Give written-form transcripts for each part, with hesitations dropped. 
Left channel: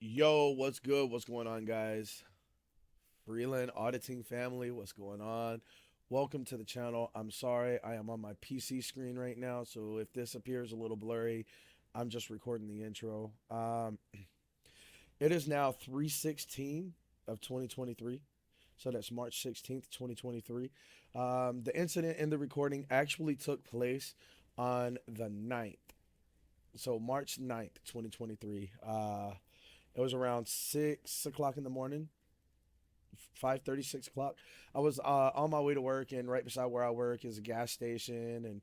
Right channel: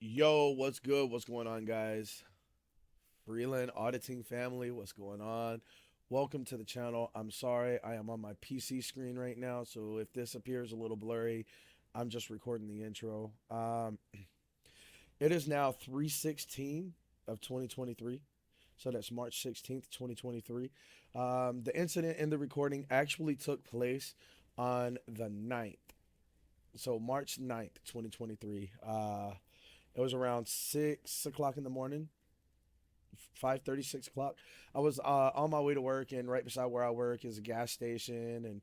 Yo, what's good? What's going on, guys? Freeland Auditing family, what's going on? Welcome to the channel. I'm sorry, I am on my PC screen right now, so if this appears a little blurry, I'm just recording the intro. It is now 3/16 of 2023, so that's March 16th, 2023. The incident in the recording actually took place on the 9th, so March 9th, 2023. It was around 6 o'clock in the morning, 5:30, 6 o'clock. I was on my way to work, and right beside where I work is a gas station, and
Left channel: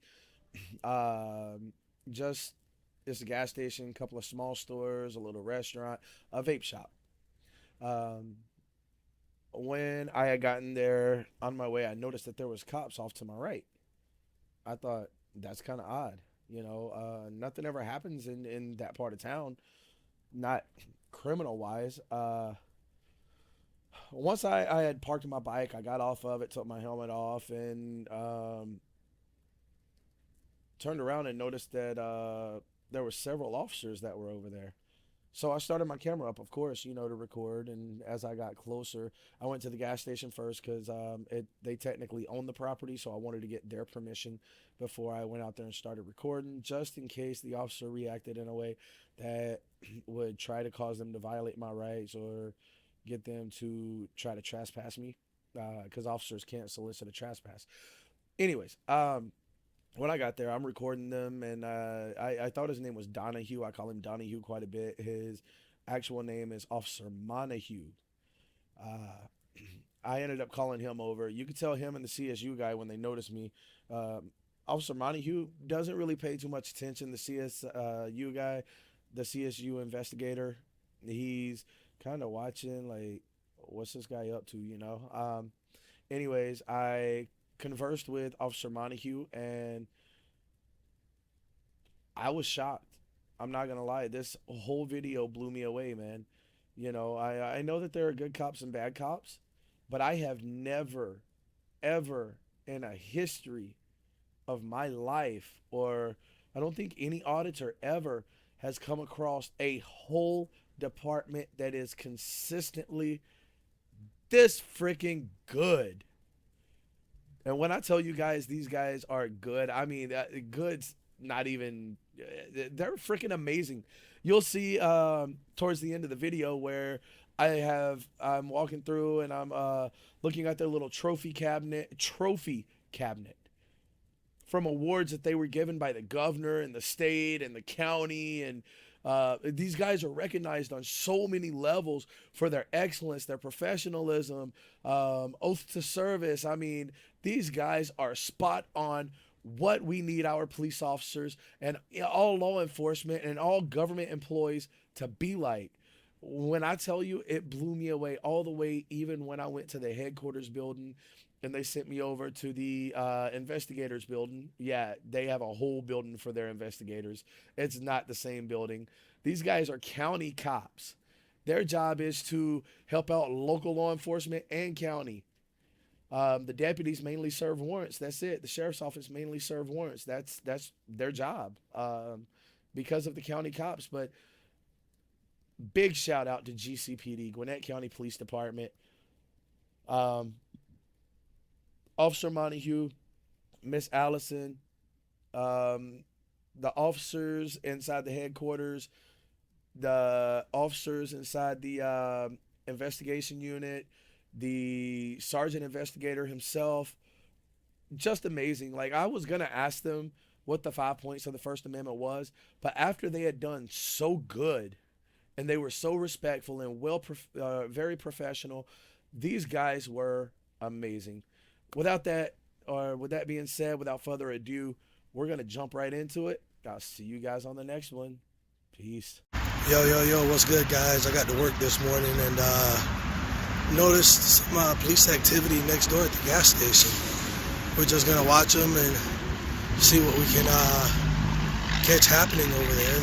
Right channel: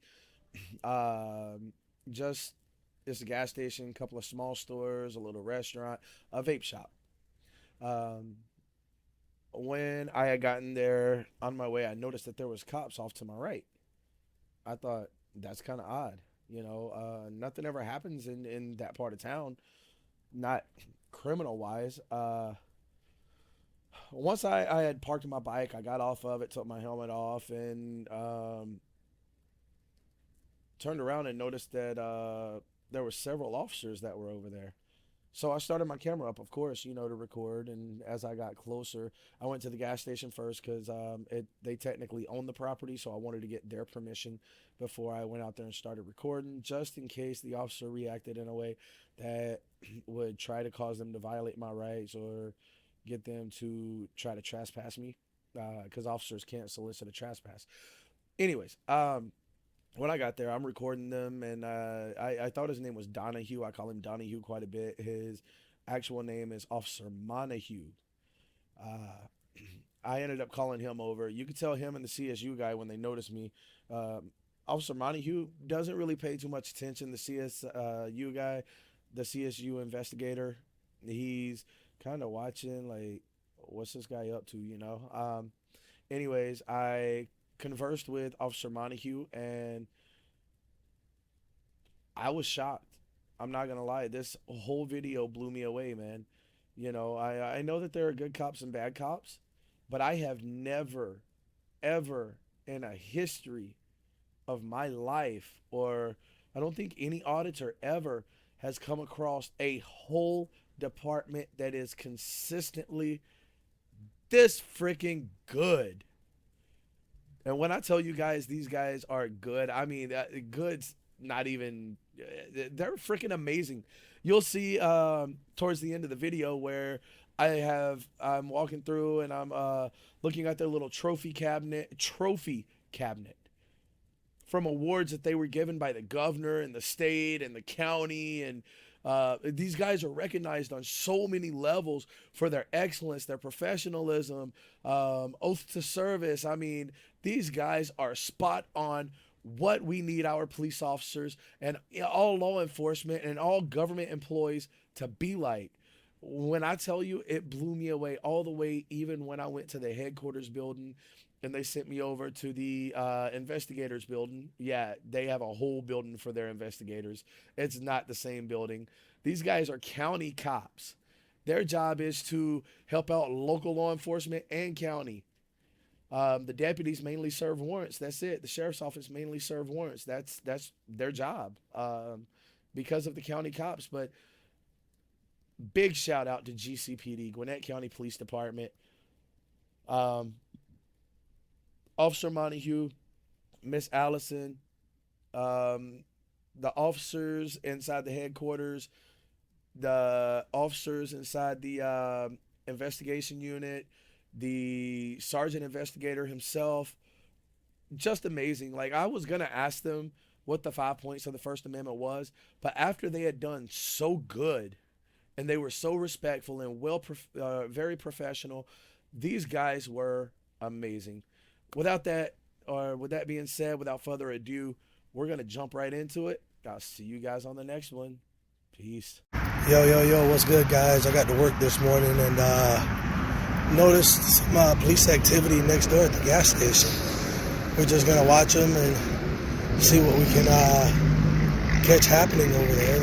just it's a gas station, a couple of small stores, a little restaurant, a vape shop. Um, when I had gotten there on my way, I noticed that there was cops off to my right. I thought that's kind of odd. Nothing ever happens in that part of town, not criminal wise. Once I had parked my bike, I got off of it, took my helmet off, and turned around and noticed that there were several officers that were over there. So I started my camera up, of course, to record. And as I got closer, I went to the gas station first because they technically own the property, so I wanted to get their permission before I went out there and started recording, just in case the officer reacted in a way that would try to cause them to violate my rights or get them to try to trespass me, because officers can't solicit a trespass. Anyways, when I got there, I'm recording them, and I thought his name was Donahue. I call him Donahue quite a bit. His actual name is Officer Monahue. Uh, I ended up calling him over. You could tell him and the CSU guy when they noticed me. Officer Monahue doesn't really pay too much attention. The CSU guy, the CSU investigator, he's kind of watching like, what's this guy up to? Anyways, I conversed with Officer Montague, and I was shocked. I'm not gonna lie. This whole video blew me away, man. I know that there are good cops and bad cops, but I have never, ever in a history of my life, or I don't think any auditor ever has come across a whole department that is consistently this freaking good. And when I tell you guys these guys are good, I mean good's not even. They're freaking amazing. You'll see towards the end of the video where I'm walking through and I'm looking at their little trophy cabinet from awards that they were given by the governor and the state and the county. And these guys are recognized on so many levels for their excellence, their professionalism, oath to service. I mean, these guys are spot on what we need our police officers and all law enforcement and all government employees to be like. When I tell you, it blew me away all the way, even when I went to the headquarters building and they sent me over to the investigators building. Yeah, they have a whole building for their investigators. It's not the same building. These guys are county cops. Their job is to help out local law enforcement and county. The deputies mainly serve warrants. That's it. The sheriff's office mainly serve warrants. That's their job, because of the county cops. But big shout out to GCPD, Gwinnett County Police Department. Um, Officer Montague, Miss Allison, um, the officers inside the headquarters, the officers inside the investigation unit, the sergeant investigator himself. Just amazing. Like, I was gonna ask them what the 5 points of the First Amendment was, but after they had done so good and they were so respectful and very professional, these guys were amazing. Without that, or with that being said, without further ado, we're gonna jump right into it. I'll see you guys on the next one. Peace. Yo, what's good, guys? I got to work this morning and noticed some police activity next door at the gas station. We're just going to watch them and see what we can catch happening over there.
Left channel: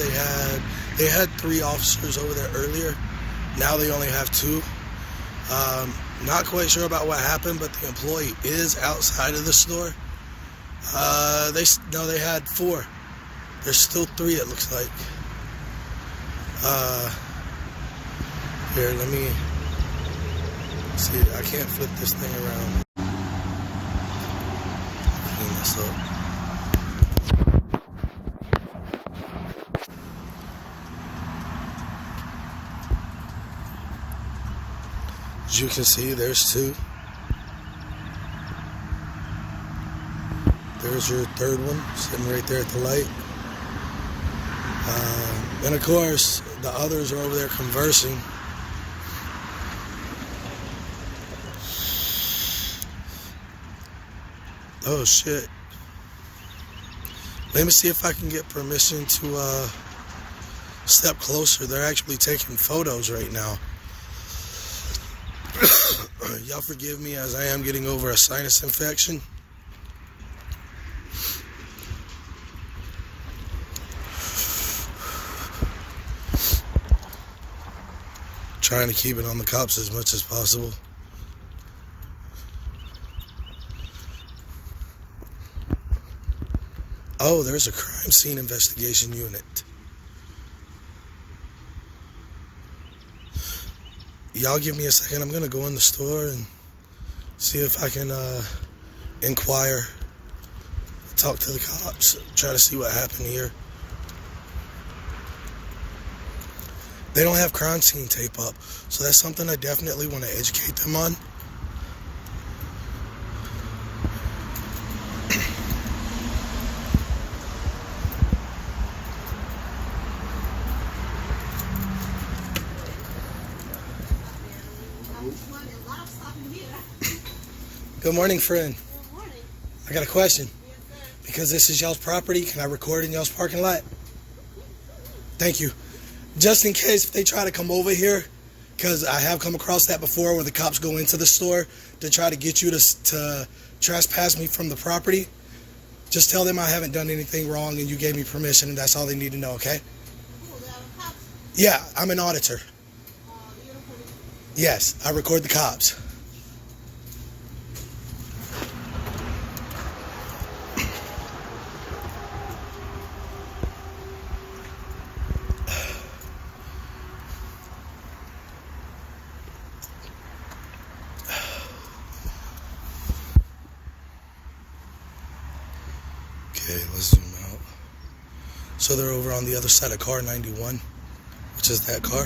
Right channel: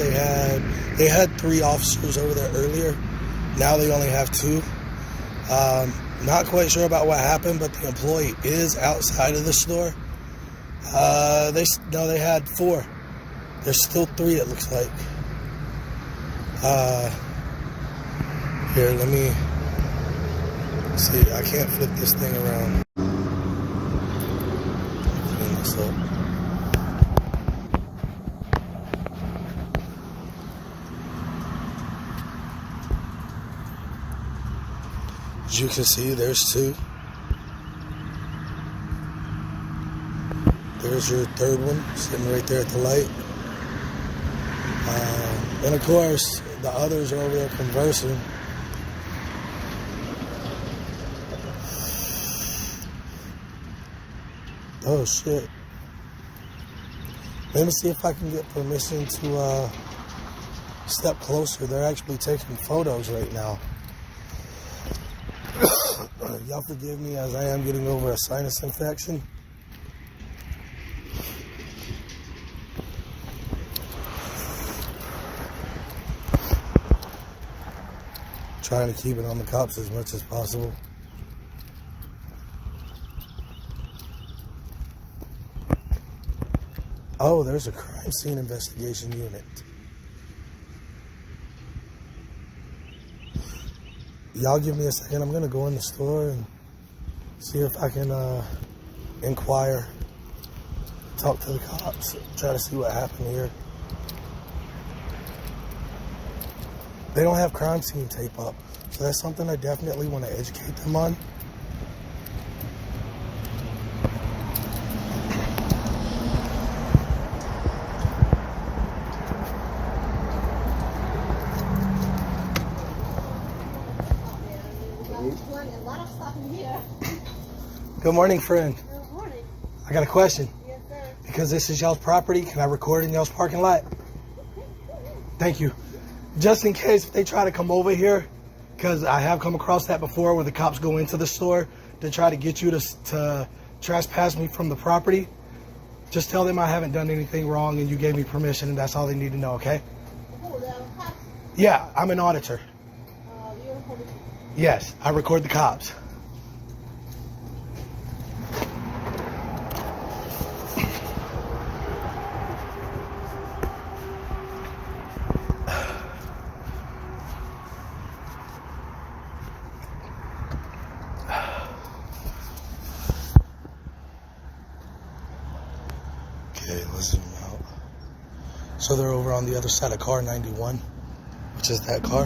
They had 3 officers over there earlier. Now they only have 2. Not quite sure about what happened, but the employee is outside of the store. They had 4. There's still 3, it looks like. Here, let me see. I can't flip this thing around. Clean this up. As you can see, there's two. There's your third one, sitting right there at the light. And of course, the others are over there conversing. Oh shit. Let me see if I can get permission to step closer. They're actually taking photos right now. Y'all forgive me as I am getting over a sinus infection. Trying to keep it on the cops as much as possible. Oh, there's a crime scene investigation unit. Y'all give me a second. I'm gonna go in the store and see if I can inquire, talk to the cops, try to see what happened here. They don't have crime scene tape up, so that's something I definitely want to educate them on. Good morning, friend. Good morning. I got a question. Yes, sir. Because this is y'all's property, can I record in y'all's parking lot? Thank you. Just in case if they try to come over here, because I have come across that before where the cops go into the store to try to get you to trespass me from the property, just tell them I haven't done anything wrong and you gave me permission and that's all they need to know, okay? Who, the cops? Yeah, I'm an auditor. The uniform. Yes, I record the cops. Okay, let's zoom out. So they're over on the other side of car 91, which is that car.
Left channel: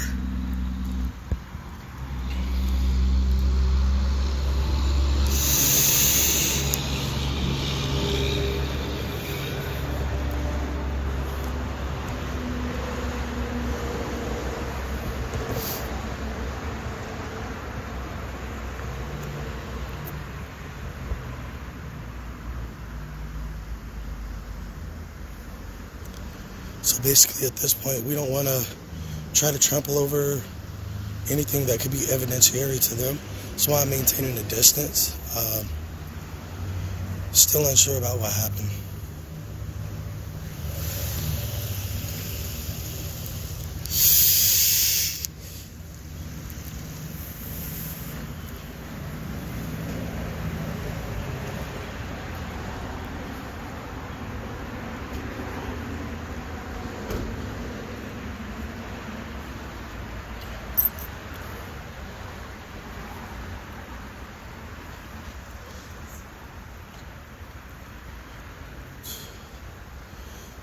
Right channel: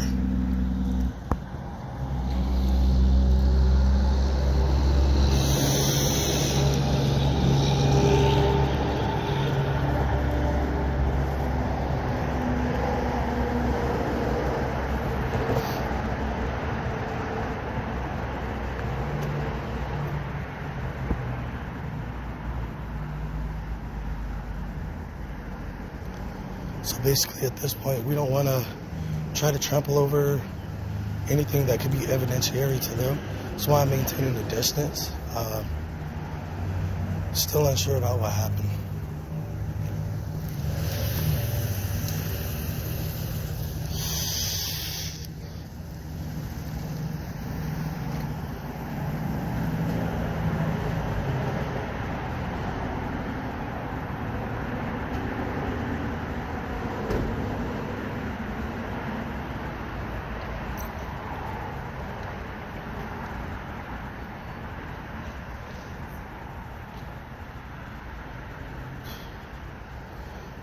So basically at this point, we don't want to try to trample over anything that could be evidentiary to them. That's why I'm maintaining a distance. Still unsure about what happened.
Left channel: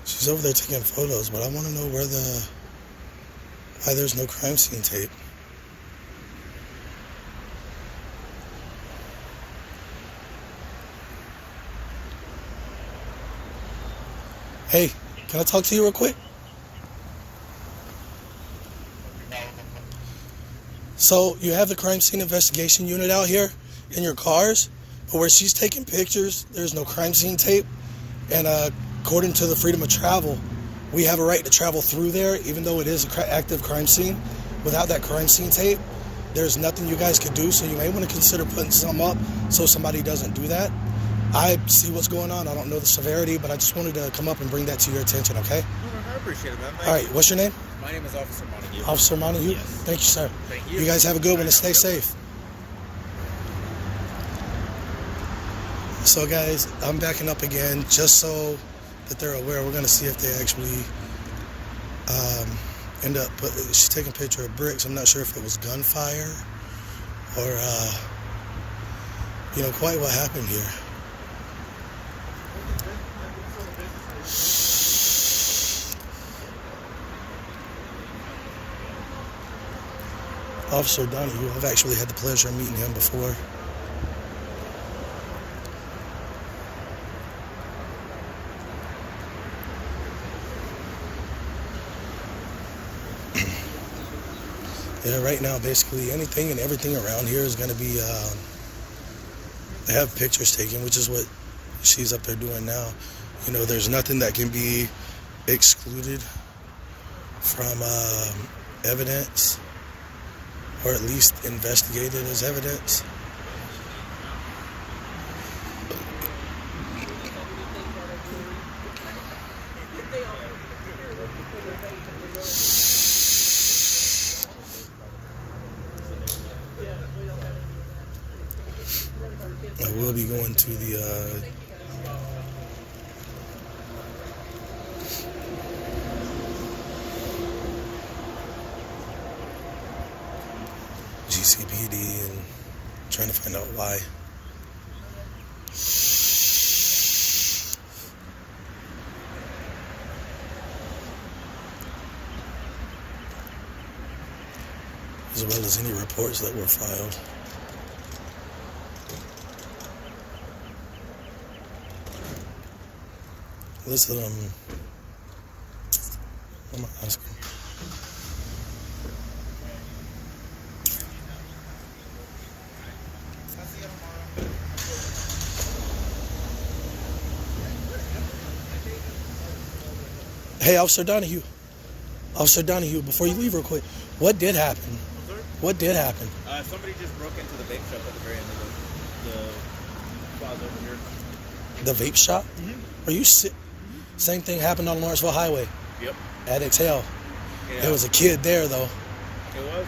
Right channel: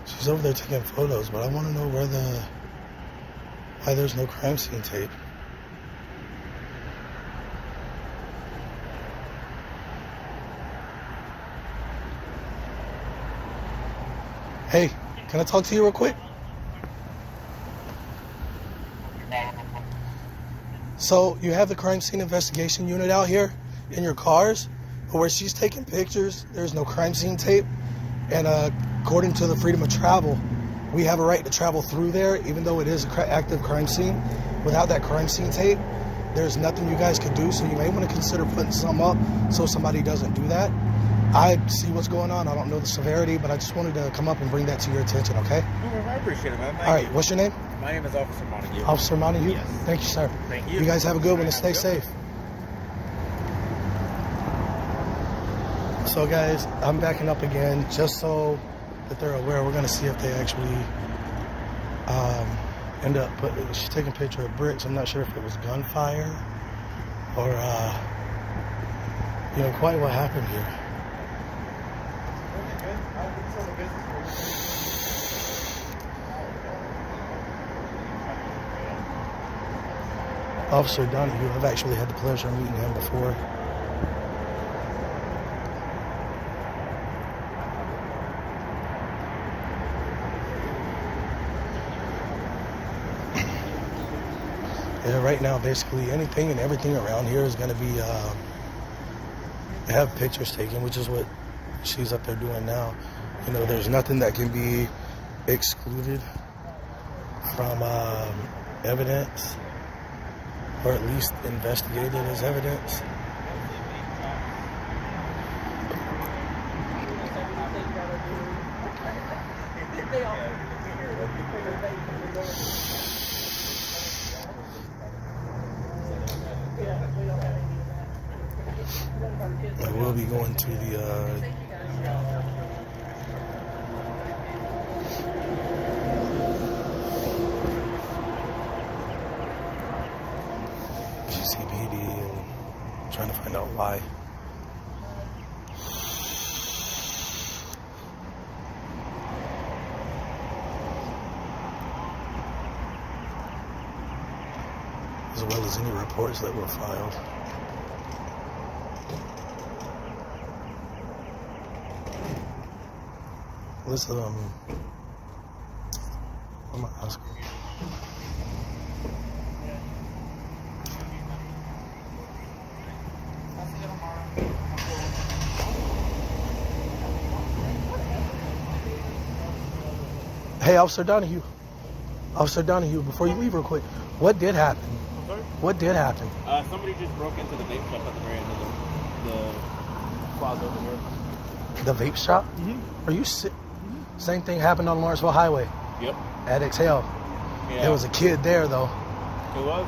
She's over there taking photos, but I want to know why there's no crime scene tape. Hey, can I talk to you real quick? So you have the crime scene investigation unit out here in your cars, but where she's taking pictures, there's no crime scene tape. And according to the freedom of travel, we have a right to travel through there, even though it is an active crime scene. Without that crime scene tape, there's nothing you guys could do, so you may want to consider putting some up so somebody doesn't do that. I see what's going on. I don't know the severity, but I just wanted to come up and bring that to your attention, okay? I appreciate it, man. All right, what's your name? My name is Officer Montague. Officer Montague? Yes. Thank you, sir. Thank you. You guys have a good one and stay safe. So guys, I'm backing up again just so that they're aware. We're going to see if they actually she's taking a picture of bricks. I'm not sure if it was gunfire or, quite what happened here. Officer Donahue, I've actually had the pleasure of meeting him before. Yeah, right now, basically anything and everything around here is going to be, they have pictures taken, which is what she's up there doing now. There's nothing that can be excluded from evidence, or at least investigated as evidence. I will be going to the GCPD and trying to find out why. As well as any reports that were filed. Listen, what am I asking? Hey, Officer Donahue. Officer Donahue, before you leave real quick, what did happen? Sorry? What did happen? Somebody just broke into the vape shop at the very end of the plaza over here. The vape shop? Mm-hmm. Are you sick? Same thing happened on Lawrenceville Highway Yep. at Exhale. Yeah. There was a kid there, though. It was?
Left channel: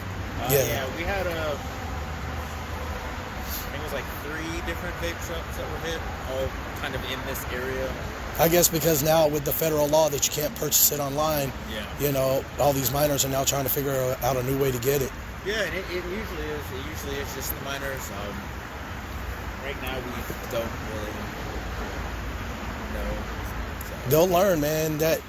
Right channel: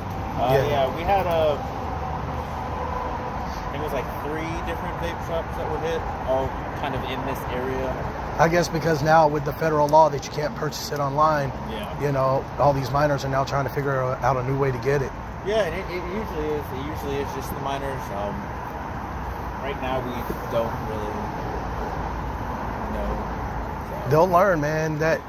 Yeah. Yeah, we had I think it was like 3 different vape shops that were hit, all kind of in this area. I guess because now with the federal law that you can't purchase it online, Yeah. all these minors are now trying to figure out a new way to get it. Yeah, and it usually is. It usually is just the minors. Right now we don't really know. So. They'll learn, man, that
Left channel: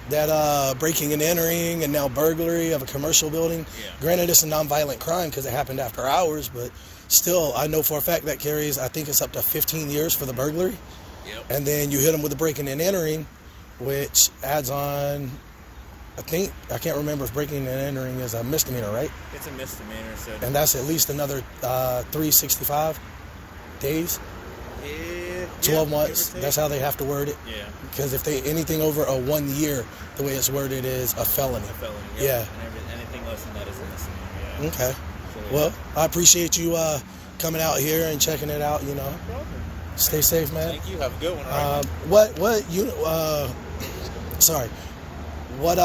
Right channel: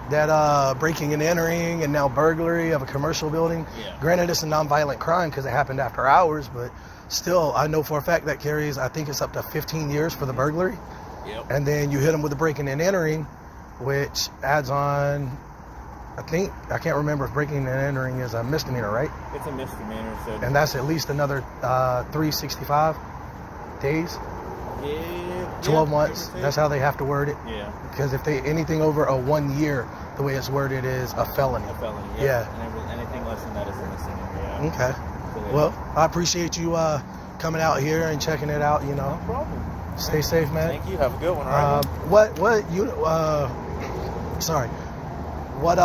breaking and entering and now burglary of a commercial building. Yeah. Granted, it's a nonviolent crime because it happened after hours, but still, I know for a fact that carries, I think it's up to 15 years for the burglary. Yep. And then you hit them with the breaking and entering, which adds on, I can't remember if breaking and entering is a misdemeanor, right? It's a misdemeanor, so. And that's at least another 365 days, Yeah. 12 months. That's how they have to word it. Yeah. Because if they anything over a 1 year, the way it's worded is a felony. A felony. Yeah. And anything less than that is a misdemeanor. Yeah. Okay. So, yeah. Well, I appreciate you coming out here and checking it out. No problem. Stay safe, man. Thank you. Have a good one. All right. What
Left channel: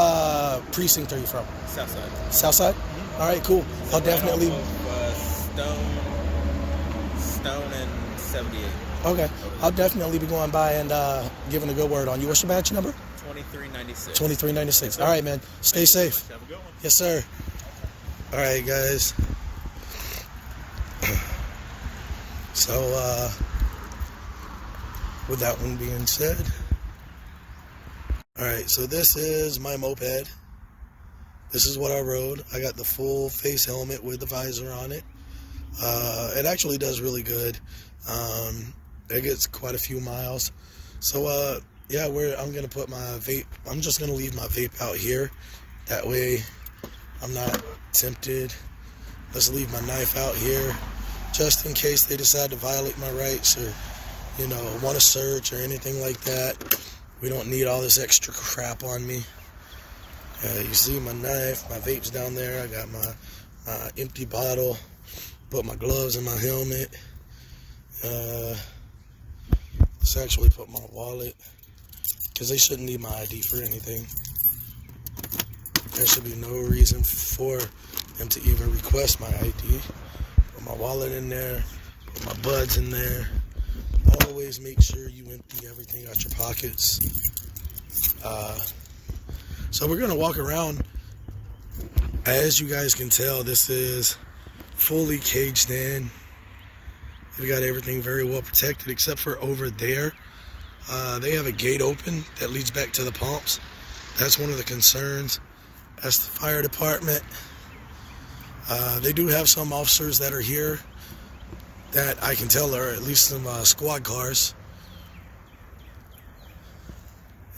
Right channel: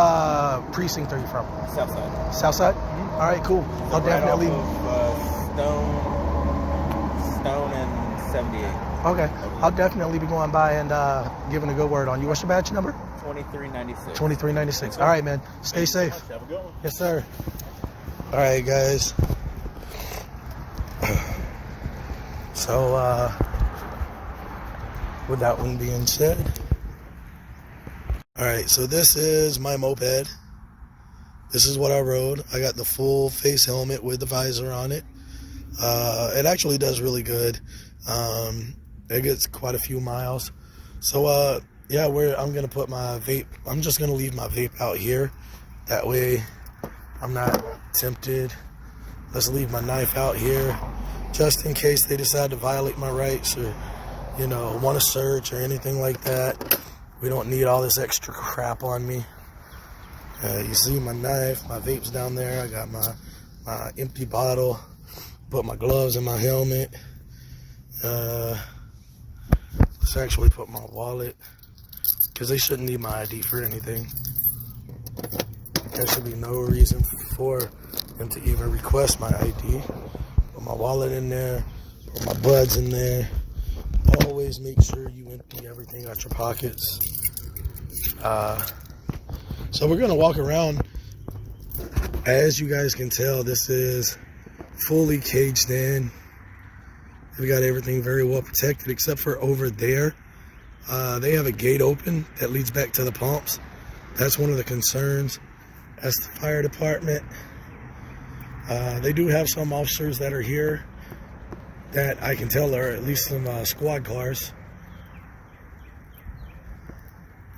precinct are you from? Southside. Southside? Mm-hmm. All right, cool. So I'll definitely. Off of, Stone and 78. Okay, I'll definitely be going by and giving a good word on you. What's your badge number? 2396. 2396. All right, man. Stay safe. Have a good one. Yes, sir. All right, guys. So, with that one being said, all right, so this is my moped. This is what I rode. I got the full face helmet with the visor on it. It actually does really good. It gets quite a few miles. So, yeah, I'm going to put my vape. I'm just going to leave my vape out here. That way I'm not tempted. Let's leave my knife out here just in case they decide to violate my rights or, want to search or anything like that. We don't need all this extra crap on me. You see my knife, my vape's down there. I got my empty bottle. Put my gloves in my helmet. Let's actually put my wallet, because they shouldn't need my ID for anything. There should be no reason for them to even request my ID. Put my wallet in there. Put my buds in there. Always make sure you empty everything out your pockets. So we're gonna walk around As you guys can tell, this is fully caged in. They've got everything very well protected except for over there. They have a gate open that leads back to the pumps. That's one of the concerns. That's the fire department. They do have some officers that are here that I can tell are at least some squad cars.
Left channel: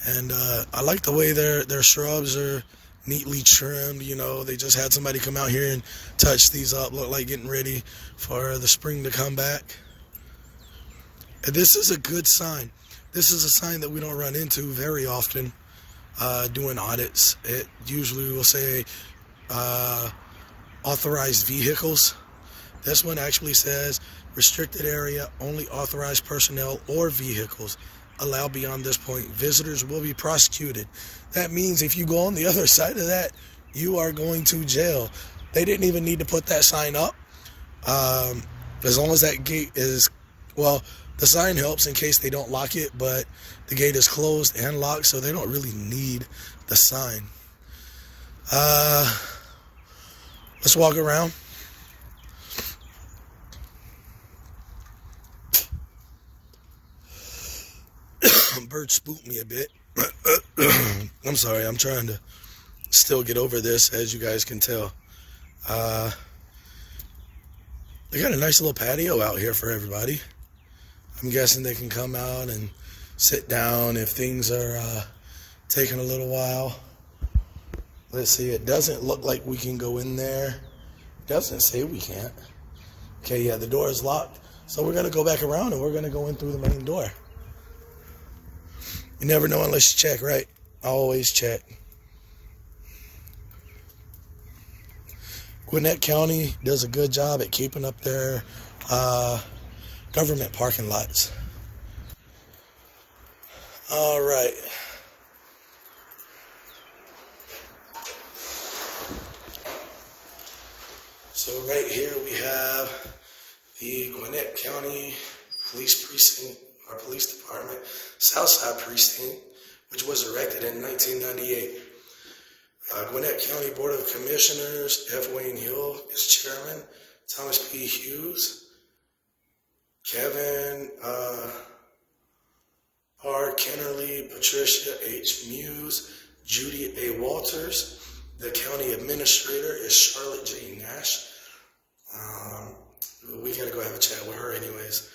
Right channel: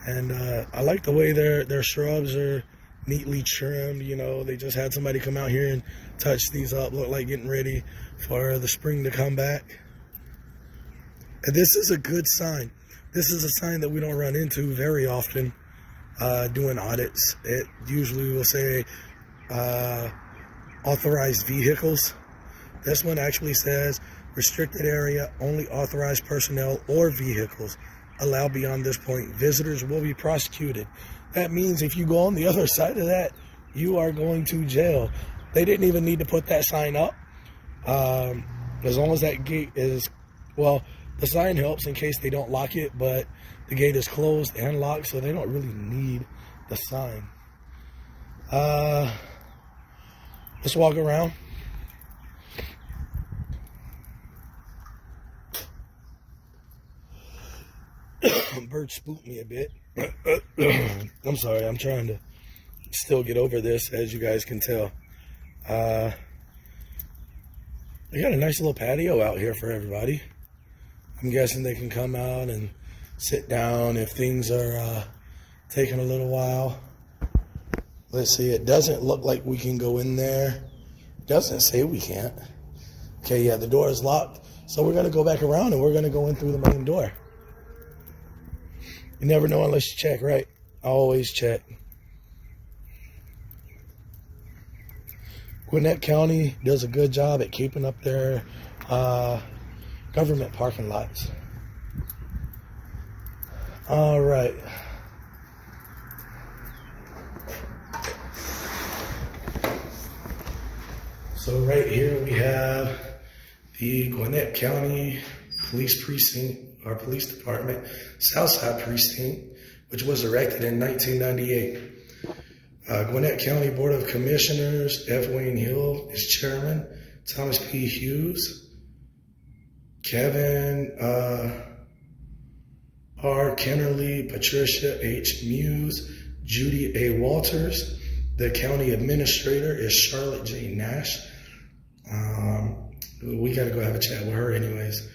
And I like the way their shrubs are neatly trimmed. You know, they just had somebody come out here and touch these up, look like getting ready for the spring to come back. And this is a good sign. This is a sign that we don't run into very often doing audits. It usually will say authorized vehicles. This one actually says restricted area, only authorized personnel or vehicles allowed beyond this point. Visitors will be prosecuted. That means if you go on the other side of that, you are going to jail. They didn't even need to put that sign up. As long as that gate is, well, the sign helps in case they don't lock it, but the gate is closed and locked, so they don't really need the sign. Let's walk around. Bird spooked me a bit. I'm sorry, I'm trying to still get over this, as you guys can tell. They got a nice little patio out here for everybody. I'm guessing they can come out and sit down if things are taking a little while. Let's see, it doesn't look like we can go in there. It doesn't say we can't. Okay, yeah, the door is locked. So we're gonna go back around and we're gonna go in through the main door. You never know unless you check, right? Always check. Gwinnett County does a good job at keeping up their government parking lots. All right. So right here we have the Gwinnett County Police Precinct, our police department, Southside Precinct, which was erected in 1998. Gwinnett County Board of Commissioners, F. Wayne Hill is chairman, Thomas P. Hughes, Kevin R. Kennerly, Patricia H. Muse, Judy A. Walters. The county administrator is Charlotte J. Nash. We got to go have a chat with her anyways.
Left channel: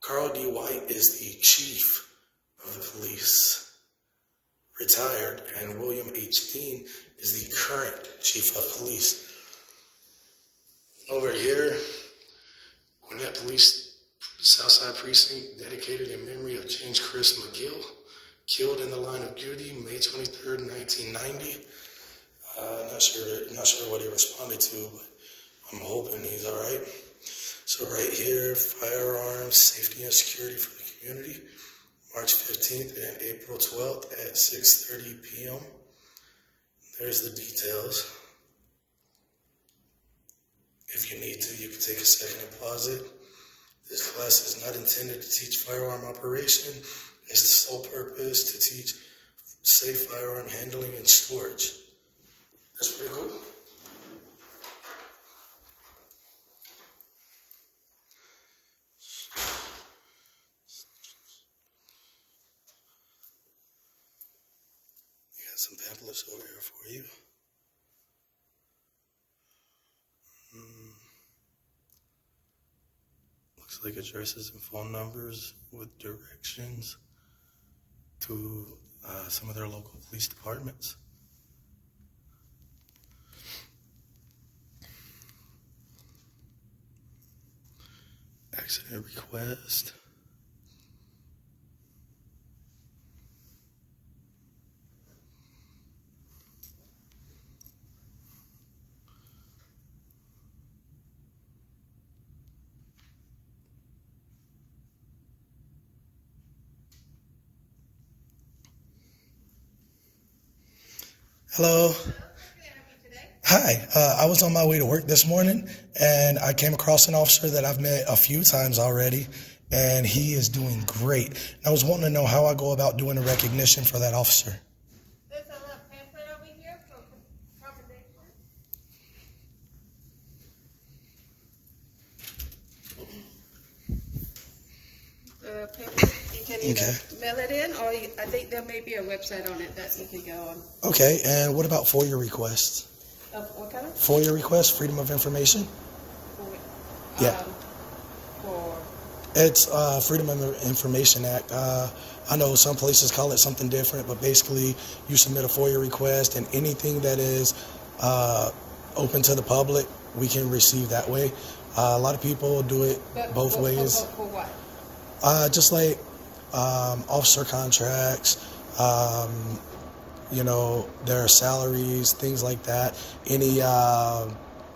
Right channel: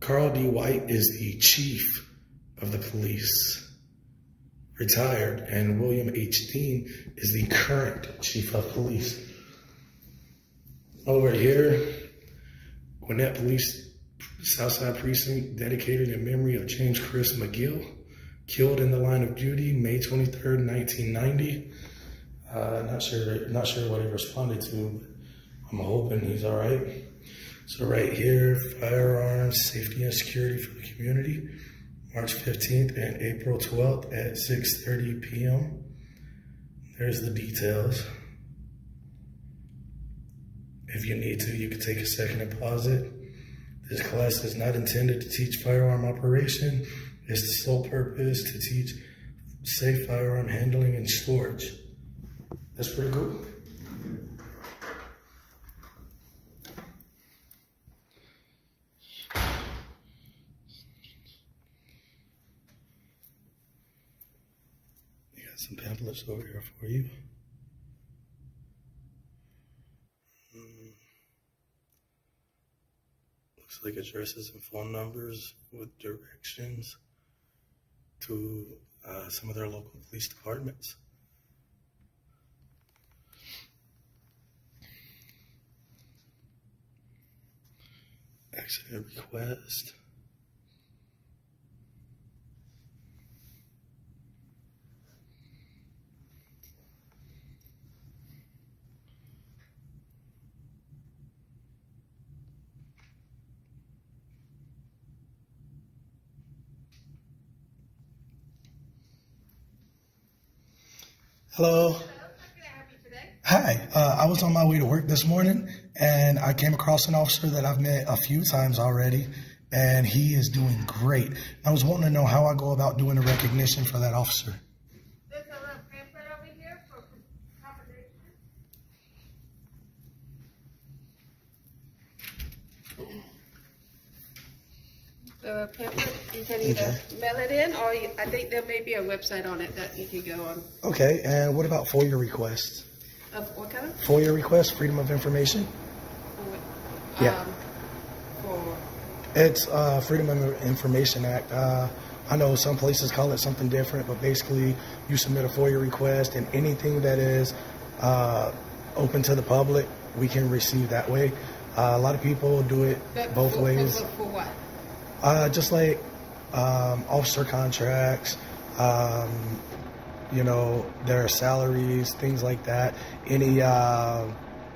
Carl D. White is the chief of the police, retired, and William H. Dean is the current chief of police. Over here, Gwinnett Police Southside Precinct, dedicated in memory of James Chris McGill, killed in the line of duty May 23rd, 1990. Not sure what he responded to, but I'm hoping he's all right. So right here, firearms, safety and security for the community, March 15th and April 12th at 6:30 p.m. There's the details. If you need to, you can take a second and pause it. This class is not intended to teach firearm operation. It's the sole purpose to teach safe firearm handling and storage. That's pretty cool. You got some pamphlets over here for you. Looks like addresses and phone numbers with directions to some of their local police departments. Accident request. Hello. Hi, I was on my way to work this morning and I came across an officer that I've met a few times already, and he is doing great. I was wanting to know how I go about doing a recognition for that officer. There's a little pamphlet over here for confirmation. pamphlet. You can either Okay. mail it in, or I think there may be a website on it that you can go on. Okay, and what about FOIA requests? What kind of? FOIA requests, Freedom of Information? Yeah. For It's Freedom of Information Act. I know some places call it something different, but basically you submit a FOIA request, and anything that is open to the public, we can receive that way. A lot of people do it both ways. For what? Just like officer contracts, their salaries, things like that. Any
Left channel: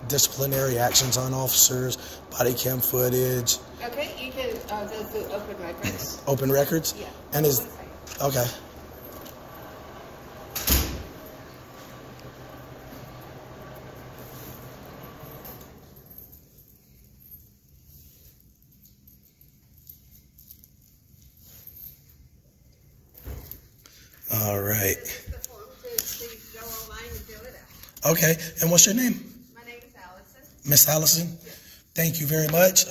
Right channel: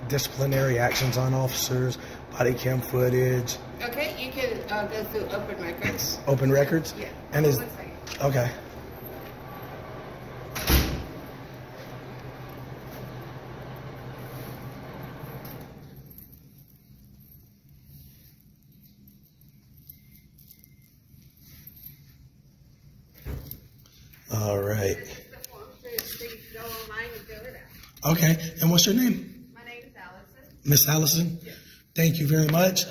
disciplinary actions on officers, body cam footage. Okay, you can go through open records. Open records? Yeah. And is 1 second. okay. All right. This is the form so you can go online and fill it out. Okay. And what's your name? My name is Allison. Miss Allison? Yes. Thank you very much.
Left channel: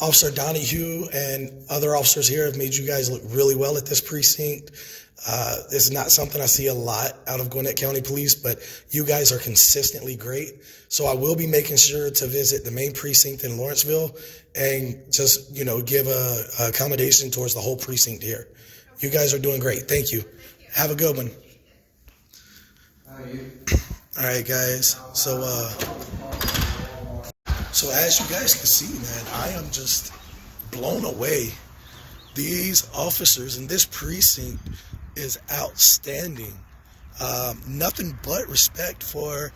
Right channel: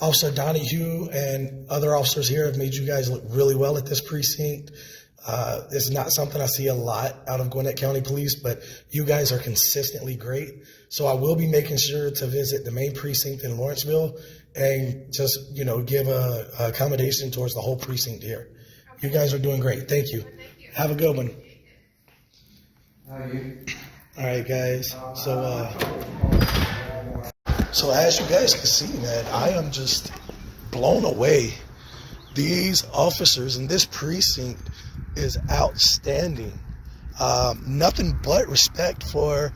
Officer Donahue and other officers here have made you guys look really well at this precinct. This is not something I see a lot out of Gwinnett County Police, but you guys are consistently great. So I will be making sure to visit the main precinct in Lawrenceville and just, give a accommodation towards the whole precinct here. You guys are doing great. Thank you. Have a good one. All right, guys. So as you guys can see, man, I am just blown away. These officers in this precinct is outstanding. Nothing but respect for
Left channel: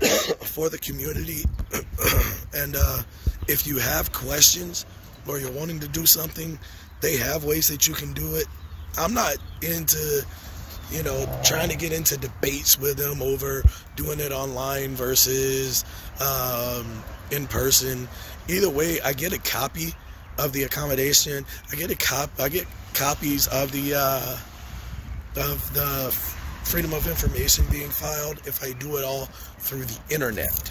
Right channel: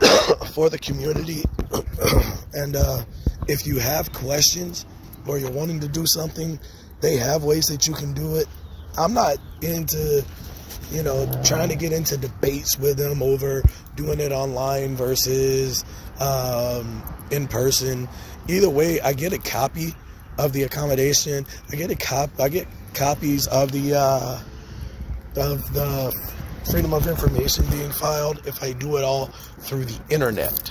the community. And if you have questions or you're wanting to do something, they have ways that you can do it. I'm not into, trying to get into debates with them over doing it online versus in person. Either way, I get a copy of the accommodation. I get copies of the Freedom of Information being filed if I do it all through the internet.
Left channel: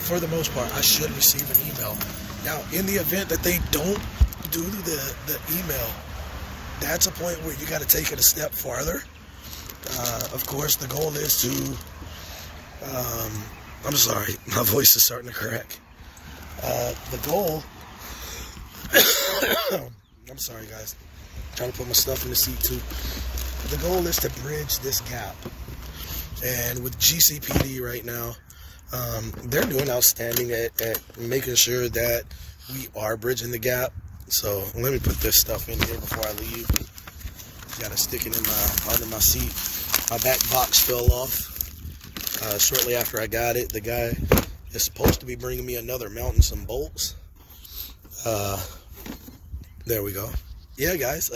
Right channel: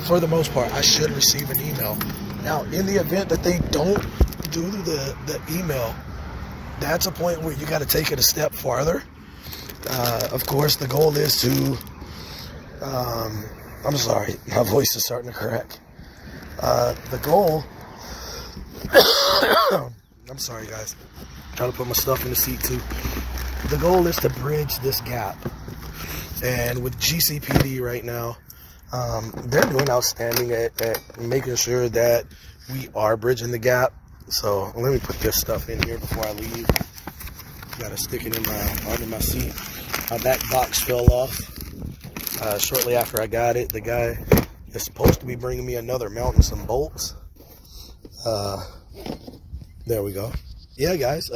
For the most part, I should receive an email. Now, in the event that they don't do the email, that's a point where you got to take it a step farther. Of course, the goal is to, I'm sorry, my voice is starting to crack. The goal, I'm sorry guys, I'm trying to put my stuff in the seat too. The goal is to bridge this gap. And with GCPD right now, they're doing outstanding at making sure that we are bridging the gap. So let me put this stuff in here before I leave. Gotta stick it under my seat. My back box fell off shortly after I got it. The guy is supposed to be bringing me another mount and some bolts. There we go. Yeah, guys.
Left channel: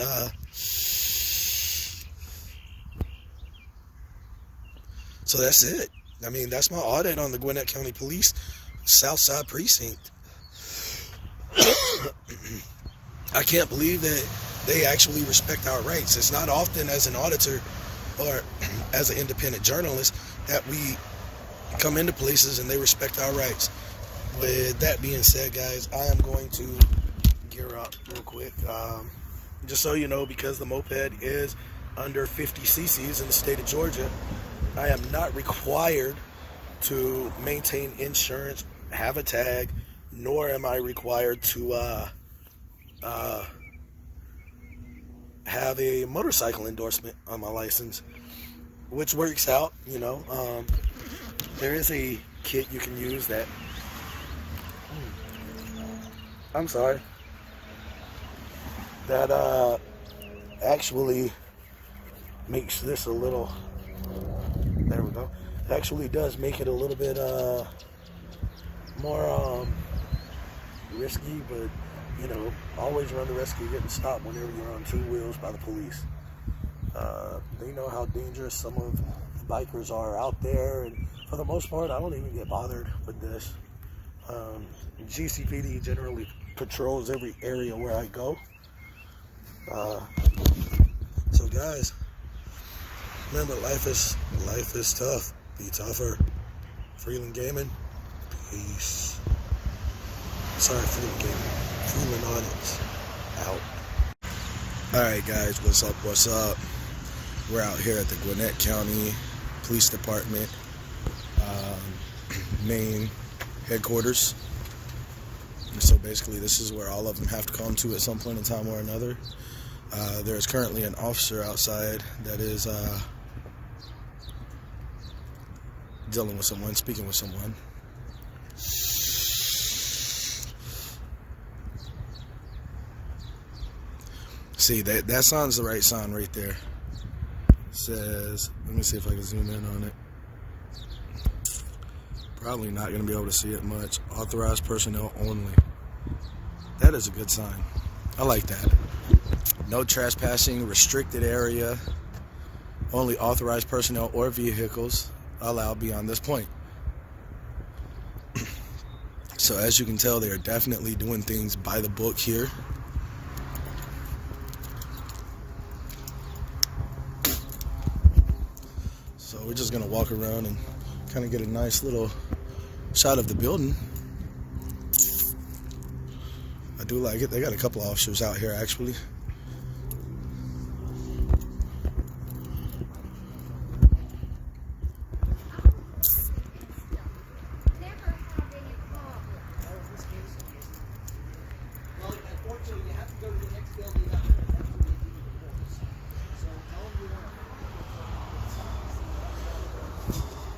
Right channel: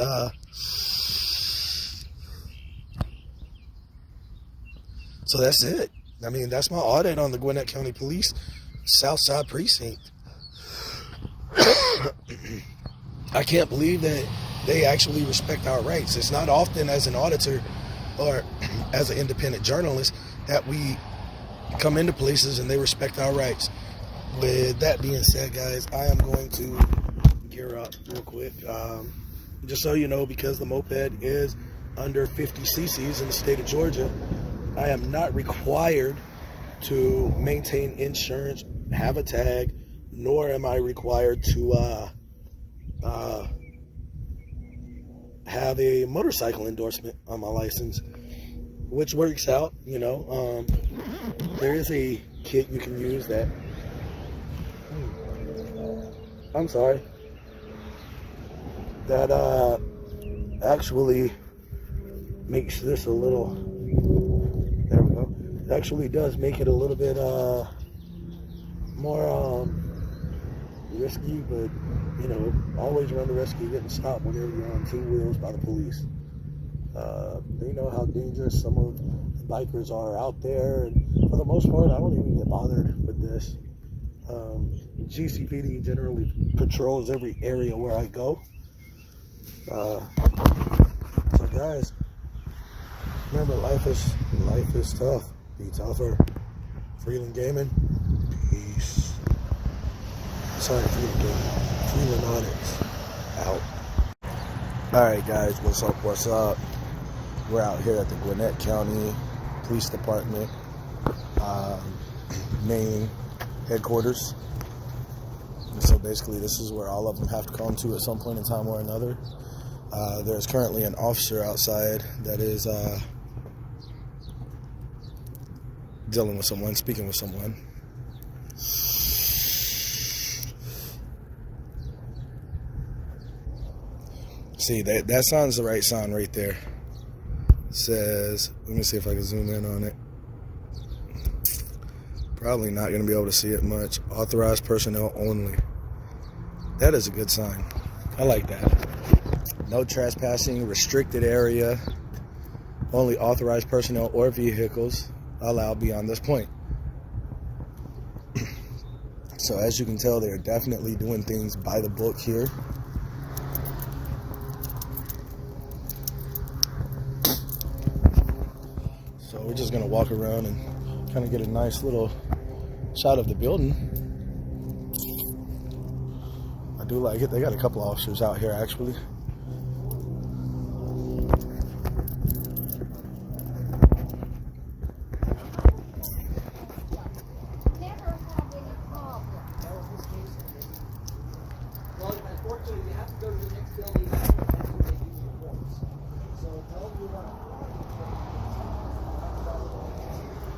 So that's it. I mean, that's my audit on the Gwinnett County Police Southside Precinct. I can't believe that they actually respect our rights. It's not often as an auditor or as an independent journalist that we come into places and they respect our rights. With that being said, guys, I am going to gear up real quick. Just so you know, because the moped is under 50 cc's in the state of Georgia, I am not required to maintain insurance, have a tag, nor am I required to have a motorcycle endorsement on my license, which works out, there is a kit you can use that, that actually makes this a little, there we go, it actually does make it a little bit more risky, but always run the risk of getting stopped whenever you're on two wheels by the police. They know how dangerous some of the bikers are out there, and for the most part, I don't even get bothered with this. GCPD generally patrols every area where I go. So guys, remember, life is tough. Be tougher. Freeland Gaming. Peace. Sorry for the game. Feeling on it. Out. Alright guys, what's up, what's up? We're out here at the Gwinnett County Police Department main headquarters. So basically this is where all of them have to come to at some point in time or another. There's currently an officer outside that is dealing with someone, speaking with someone. See, that sign's the right sign right there. It says, let me see if I can zoom in on it. Probably not going to be able to see it much. Authorized personnel only. That is a good sign. I like that. No trespassing, restricted area. Only authorized personnel or vehicles allowed beyond this point. So as you can tell, they are definitely doing things by the book here. So we're just gonna walk around and kind of get a nice little shot of the building. I do like it. They got a couple officers out here actually.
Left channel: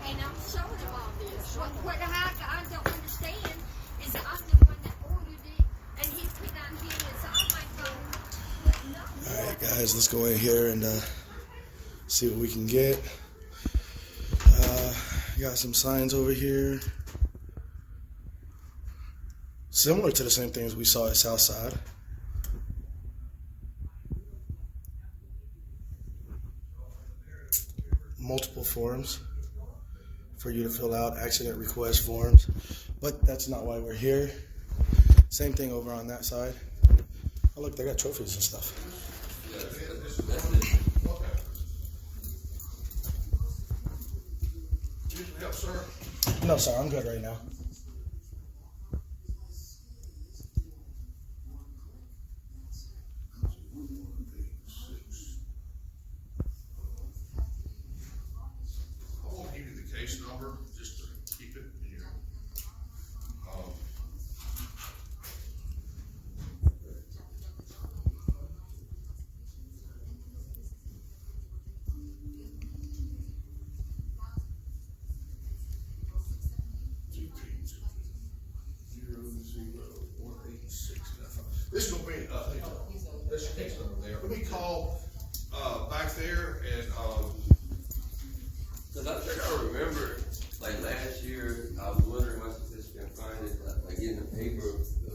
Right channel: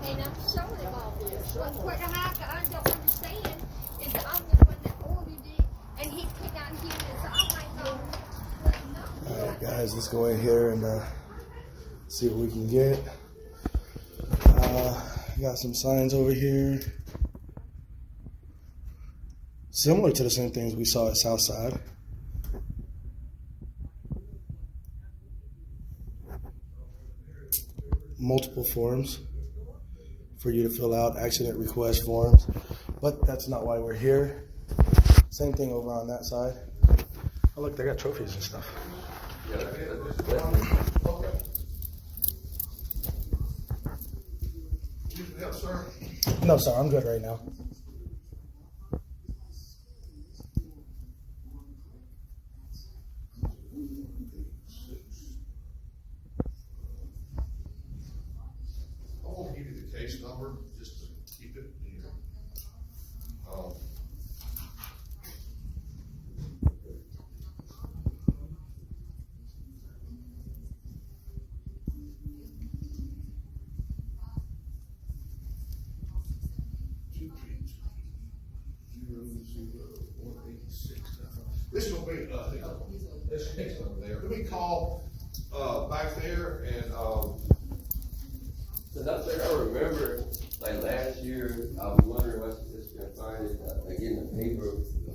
And I'm showing him all this. What the heck I don't understand is that I'm the one that ordered it, and he put on here and it's all my phone. All right, guys, let's go in here and see what we can get. Got some signs over here, similar to the same things we saw at Southside. Multiple forms for you to fill out, accident request forms, but that's not why we're here. Same thing over on that side. Oh look, they got trophies and stuff. No sir, I'm good right now. I won't give you the case number, just to keep it in your, this will be, this case number there. Let me call, back there and, Cause I think I remember, like last year, I was wondering how this can find it, like in the paper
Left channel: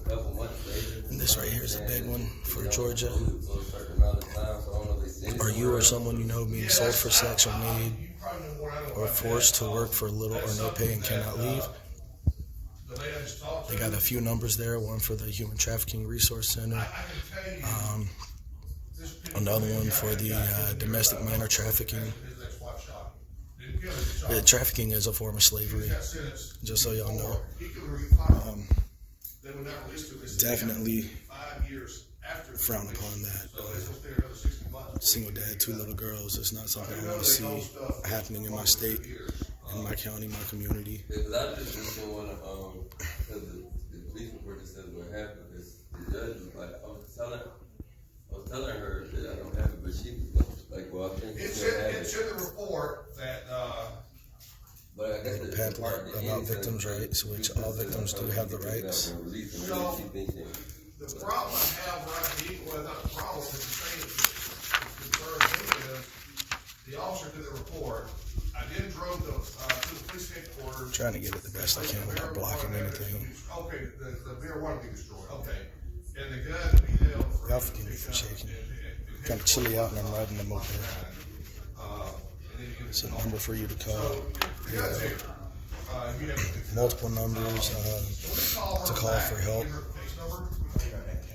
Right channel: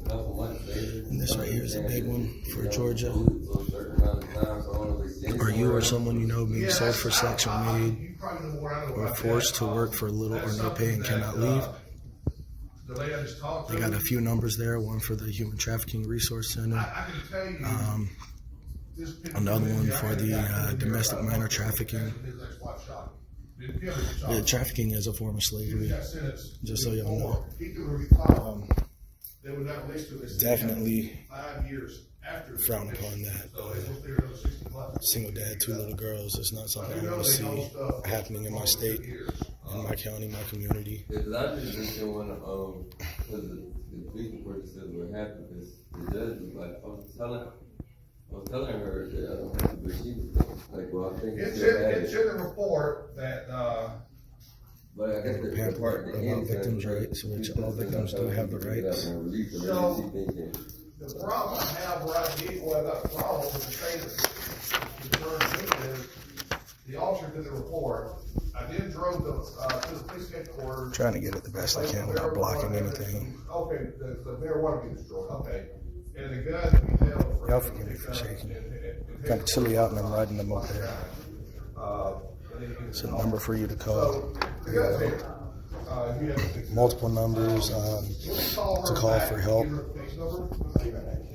a couple months later. And this right here is a big one for Georgia. So a certain amount of time, so I don't know if it's Or you or someone you know being sold for sex or made you probably know more I know or about forced to work for little or no pay and cannot leave. The lady I just talked to. They got a few numbers there, one for the Human Trafficking Resource Center, I can tell you. This picture another one maybe for I the had domestic minor trafficking. his ex-wife shot him. Didn't kill him, shot Yeah, him. trafficking is a form of He slavery, got sentenced just so y'all know. He could refile. They would not release to him. Definitely 5 years after. the frown conviction. upon that. So they will stay another 60 months. Single dad, 2 little girls, it's not something I want to see happening in my state, in my county, my community. Cause I just didn't wanna, cause the police report just says what happened, cause the judge was like, I was telling her that I don't have to, but she was like, well, I think you It's should have in the report that, But I guess The the pamphlet part at the about end says victims' that rights, which she all said victims do that have the she picked it up rights. and released it, So- she thinking, the problem I have right here, well, not the problem, but the thing that concerns me is the officer did the report. I did drove to the police headquarters. Trying to get it the best I can without blocking anything. Okay, the marijuana be destroyed, okay. And the gun to be held for. Y'all forgive me for shaking. Kind of chilly out and I'm riding the moped. It's a number for you to call. Multiple numbers to call for help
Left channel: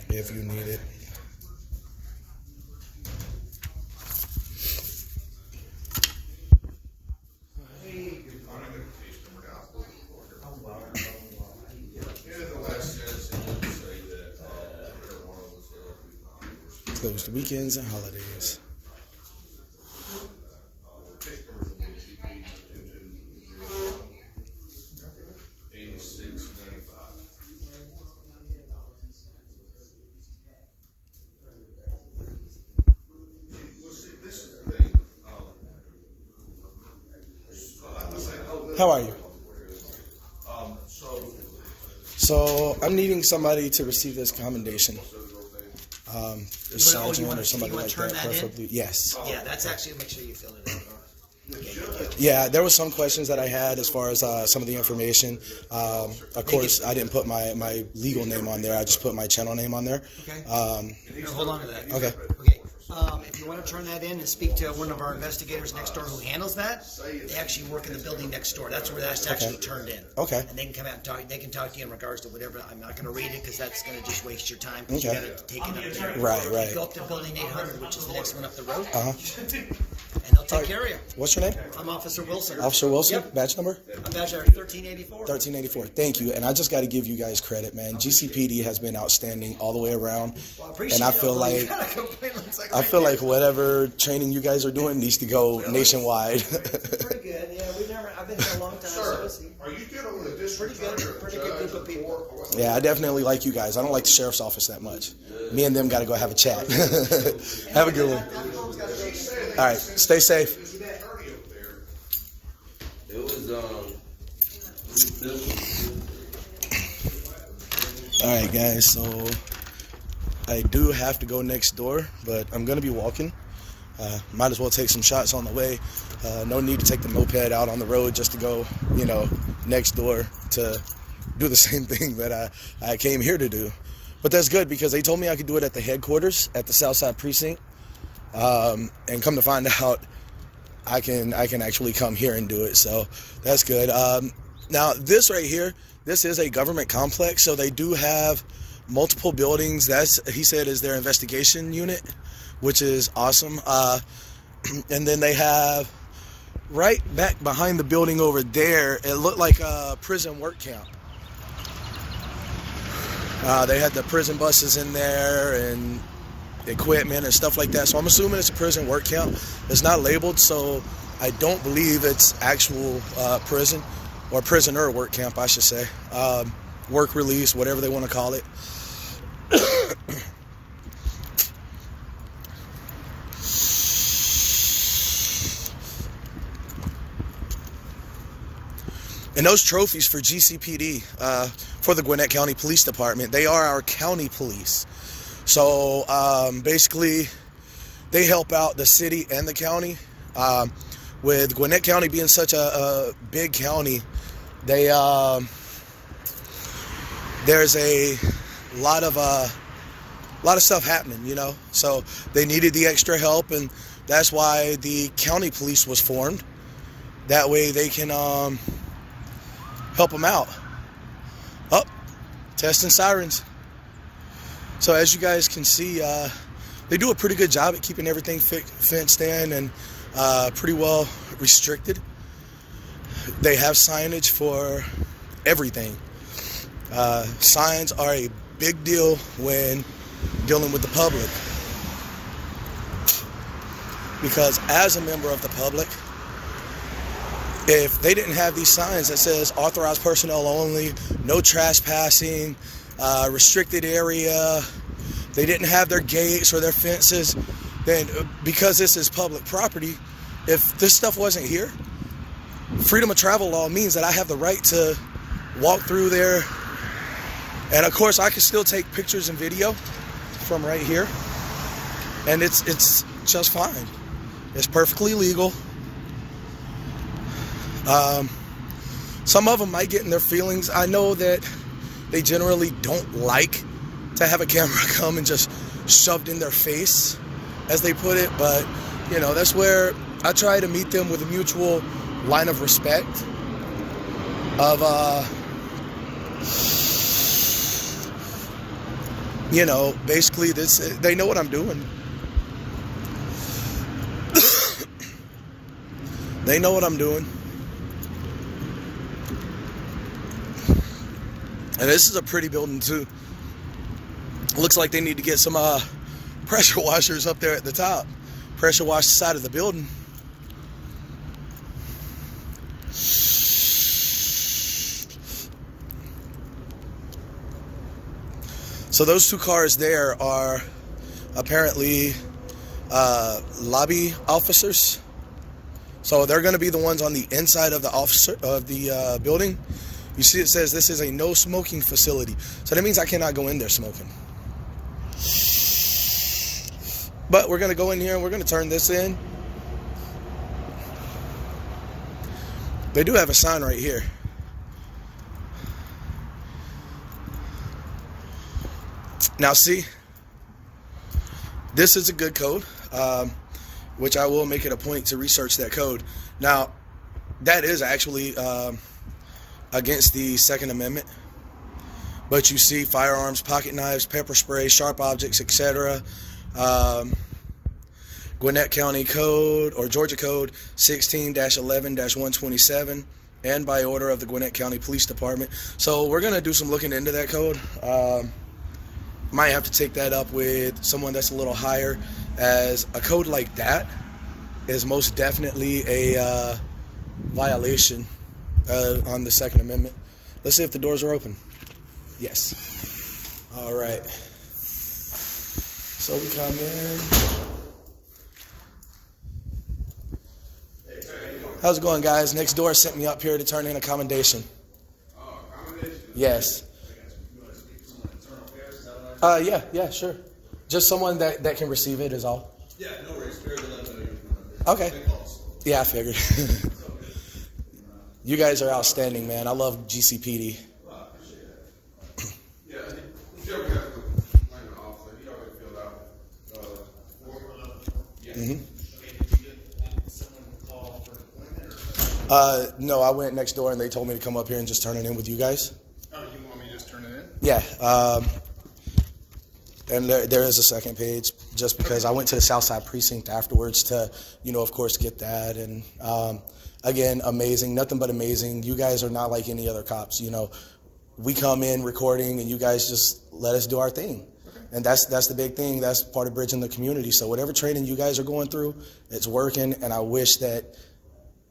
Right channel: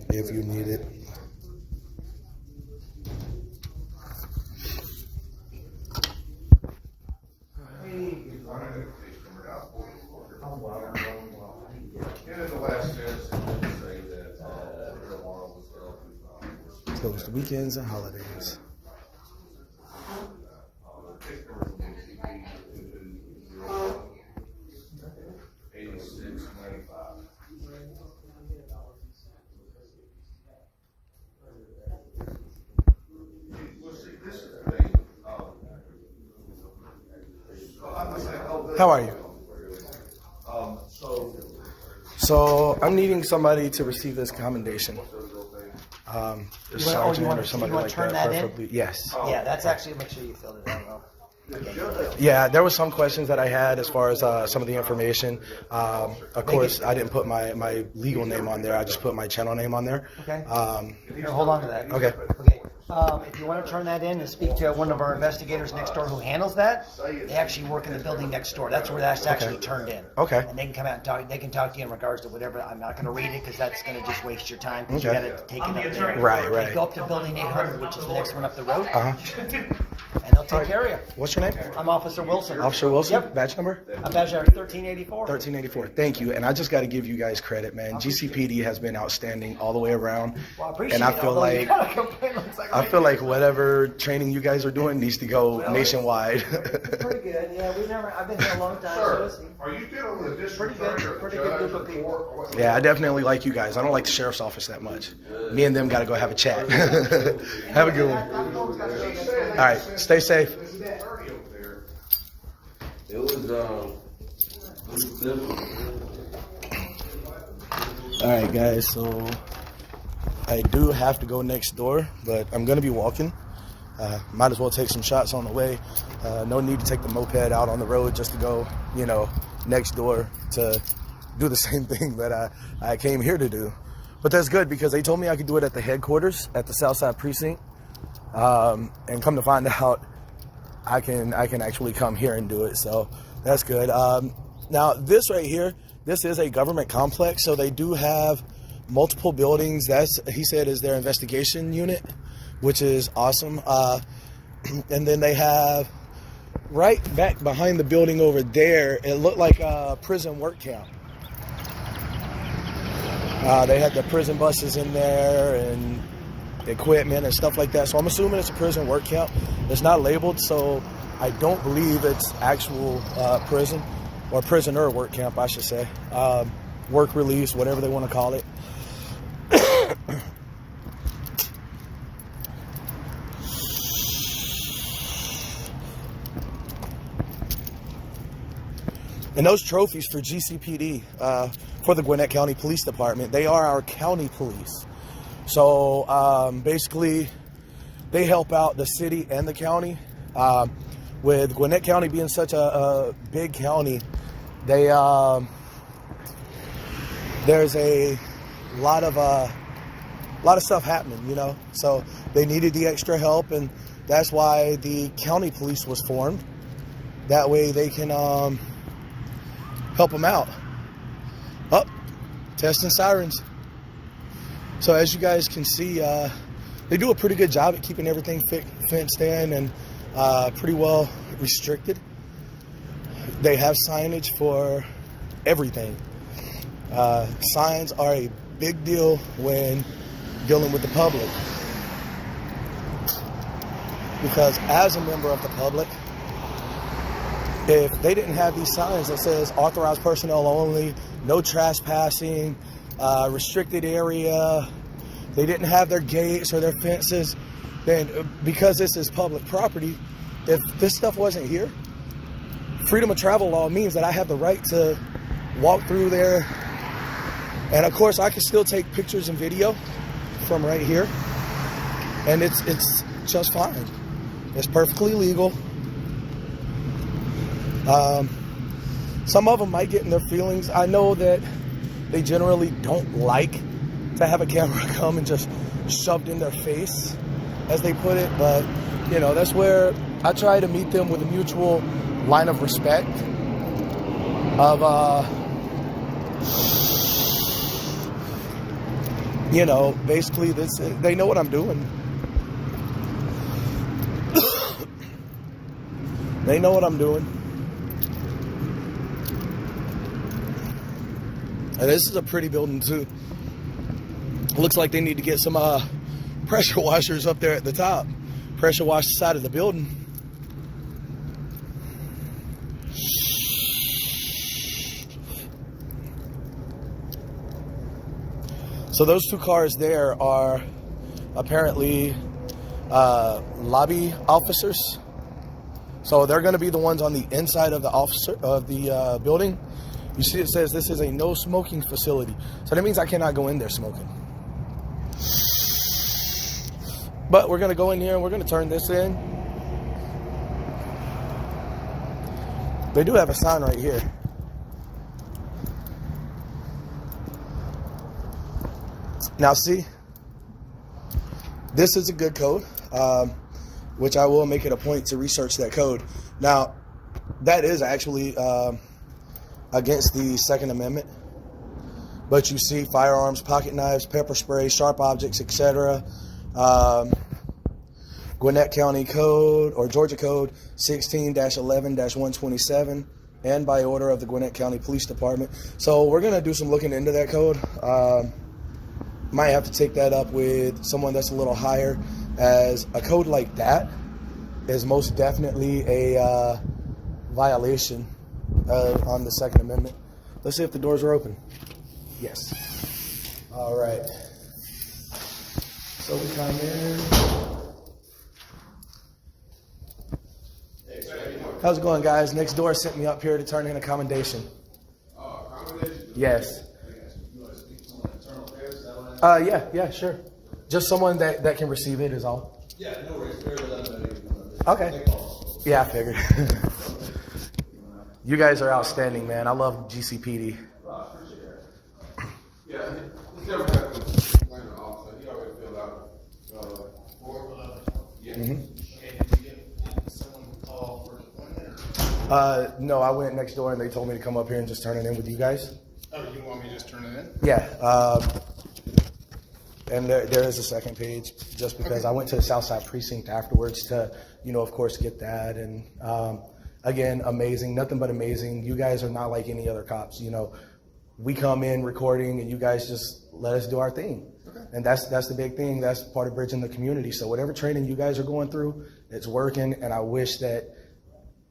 if you need it. And in the last sentence, closed weekends and holidays. How are you? So I'm needing somebody to receive this commendation. A sergeant or somebody like that, preferably. Yes. Yeah, that's actually, make sure you filled it out. Yeah, there was some questions that I had as far as some of the information. Of course, I didn't put my legal name on there. I just put my channel name on there. Okay. Here, hold on to that. Okay. Okay. If you want to turn that in and speak to one of our investigators next door who handles that, they actually work in the building next door. That's where that's actually turned in. Okay. And they can come out and talk. They can talk to you in regards to whatever. I'm not going to read it because that's going to just waste your time because you got to take it up there. Right. Go up to building 800, which is the next one up the road, Uh-huh. and they'll take care of you. What's your name? I'm Officer Wilson. Officer Wilson? Yep. Badge number? I'm badge number 1384. 1384. Thank you. And I just got to give you guys credit, man. GCPD has been outstanding all the way around. Well, I appreciate And I it, feel although you like gotta complain, looks like I right feel there. like whatever training you guys are doing needs to go nationwide. Pretty good, yeah. I've been here a long time, so Sir, it's are you dealing with a district Pretty good, attorney or pretty a good judge group or of people. court or what? Yeah, I definitely like you guys. I don't like the sheriff's office that much. Me and them got to go have a chat. Have a good one. All right, stay safe. There's an attorney over there. It was simple. All right, guys, so I do have to go next door, but I'm going to be walking. Might as well take some shots on the way. No need to take the moped out on the road just to go, next door to do the same thing that I came here to do. But that's good because they told me I could do it at the headquarters at the Southside Precinct. And come to find out, I can actually come here and do it. So that's good. Now, this right here, this is a government complex, so they do have multiple buildings. He said, is their investigation unit, which is awesome. And then they have right back behind the building over there, it looked like a prison work camp. They had the prison buses in there and equipment and stuff like that. So I'm assuming it's a prison work camp. It's not labeled, so I don't believe it's actual prison or prisoner work camp, I should say. Work release, whatever they want to call it. And those trophies for GCPD, for the Gwinnett County Police Department, they are our county police. So basically, they help out the city and the county. With Gwinnett County being such a big county, there's a lot of stuff happening, So they needed the extra help, and that's why the county police was formed. That way they can help them out. Oh, testing sirens. So as you guys can see, they do a pretty good job at keeping everything fenced in and pretty well restricted. They have signage for everything. Signs are a big deal when dealing with the public, because as a member of the public, if they didn't have these signs that says authorized personnel only, no trespassing, restricted area, they didn't have their gates or their fences, then because this is public property, if this stuff wasn't here, freedom of travel law means that I have the right to walk through there. And of course I can still take pictures and video from right here, and it's just fine. It's perfectly legal. Some of them might get in their feelings. I know that they generally don't like to have a camera come and just shoved in their face, as they put it, but that's where I try to meet them with a mutual line of respect of basically this, they know what I'm doing. They know what I'm doing. And this is a pretty building too. Looks like they need to get some pressure washers up there at the top. Pressure wash the side of the building. So those two cars there are apparently lobby officers. So they're going to be the ones on the inside of the building. You see, it says this is a no smoking facility. So that means I cannot go in there smoking. But we're going to go in here and we're going to turn this in. They do have a sign right here. Now see, this is a good code, which I will make it a point to research that code. Now, that is actually against the Second Amendment. But you see firearms, pocket knives, pepper spray, sharp objects, etc. Gwinnett County Code or Georgia Code 16-11-127 and by order of the Gwinnett County Police Department. So we're going to do some looking into that code. Might have to take that up with someone that's a little higher, as a code like that is most definitely a violation on the Second Amendment. Let's see if the doors are open. Yes. All right. So we come in. How's it going, guys? Next door sent me up here to turn in a commendation. Accommodation? Yes. Yeah, sure. Just someone that can receive it is all. Yeah, no worries. Okay. Yeah, I figured. You guys are outstanding, man. I love GCPD. Yeah, if you ever have to explain the officer, he already filled out, yeah. Mm-hmm. Okay, did you get someone call for deployment? No, I went next door and they told me to come up here and just turn it in with you guys. Oh, you want me to just turn it in? Yeah. And there is a second page, just because I went to the Southside Precinct afterwards to, of course, get that. And again, amazing, nothing but amazing. You guys are not like any other cops. We come in recording and you guys just let us do our thing. Okay. And that's the big thing. That's part of bridging the community. So whatever training you guys are going through, it's working. And I wish that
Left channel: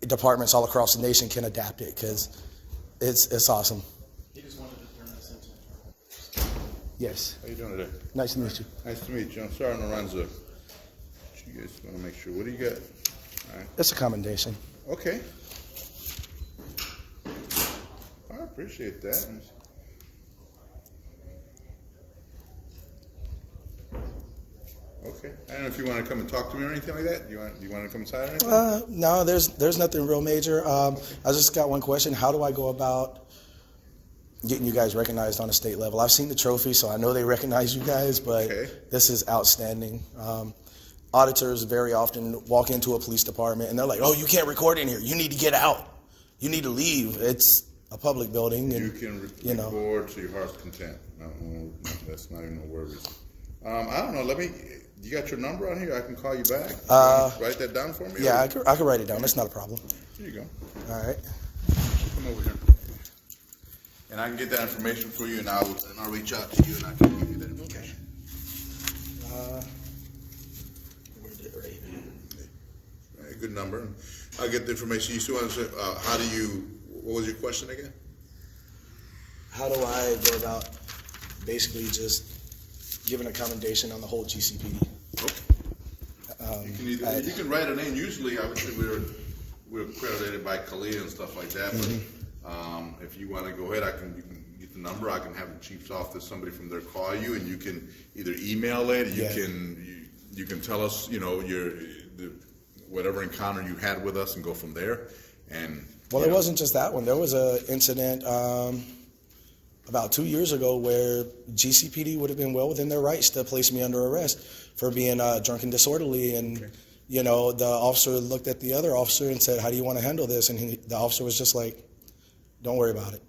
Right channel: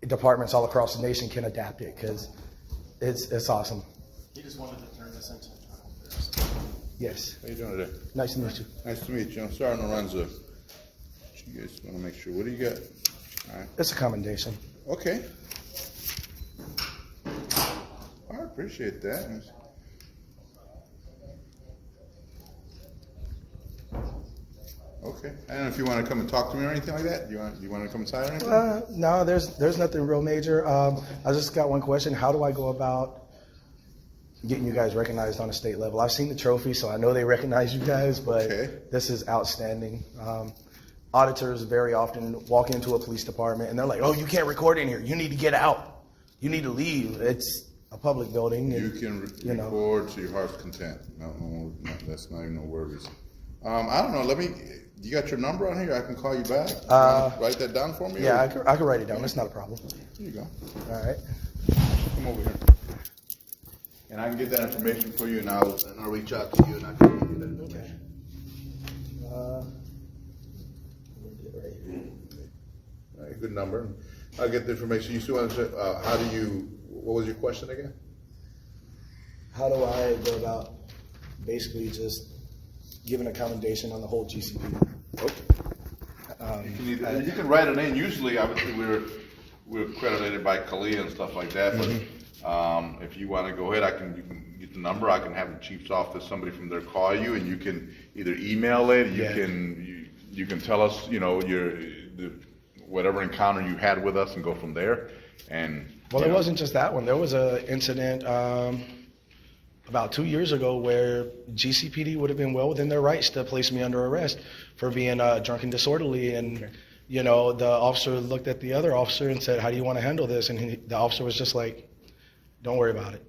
departments all across the nation can adapt it, because it's awesome. He just wanted to turn this into internal affairs. Yes. How you doing today? Nice to meet you. Nice to meet you. I'm Sergeant Lorenzo. You guys want to make sure. What do you got? All right. It's a commendation. Okay. I appreciate that. Okay. I don't know if you want to come and talk to me or anything like that. Do you want to come inside or anything? No, there's nothing real major. I just got one question. How do I go about getting you guys recognized on a state level? I've seen the trophy, so I know they recognize you guys, but This is outstanding. Auditors very often walk into a police department and they're like, "Oh, you can't record in here. You need to get out. You need to leave. It's a public building." And, you can record to your heart's content. No, that's not even no worries. I don't know. You got your number on here? I can call you back. Write that down for me? Yeah, I can write it down. That's not a problem. Here you go. All right. Come over here. And I can get that information for you, and I'll reach out to you, and I can give you that information. Where's it right here? All right, good number. I'll get the information. You still want to say, what was your question again? How do I go about basically just giving a commendation on the whole GCPD? Okay. You can write it in. Usually, obviously, we're accredited by CALEA and stuff like that. But if you want to go ahead, you can get the number. I can have the chief's office, somebody from there call you, and you can either email it. You can tell us, whatever encounter you had with us, and go from there. And it wasn't just that one. There was an incident about 2 years ago where GCPD would have been well within their rights to place me under arrest for being drunk and disorderly. And, the officer looked at the other officer and said, "How do you want to handle this?" And the officer was just like, "Don't worry about it."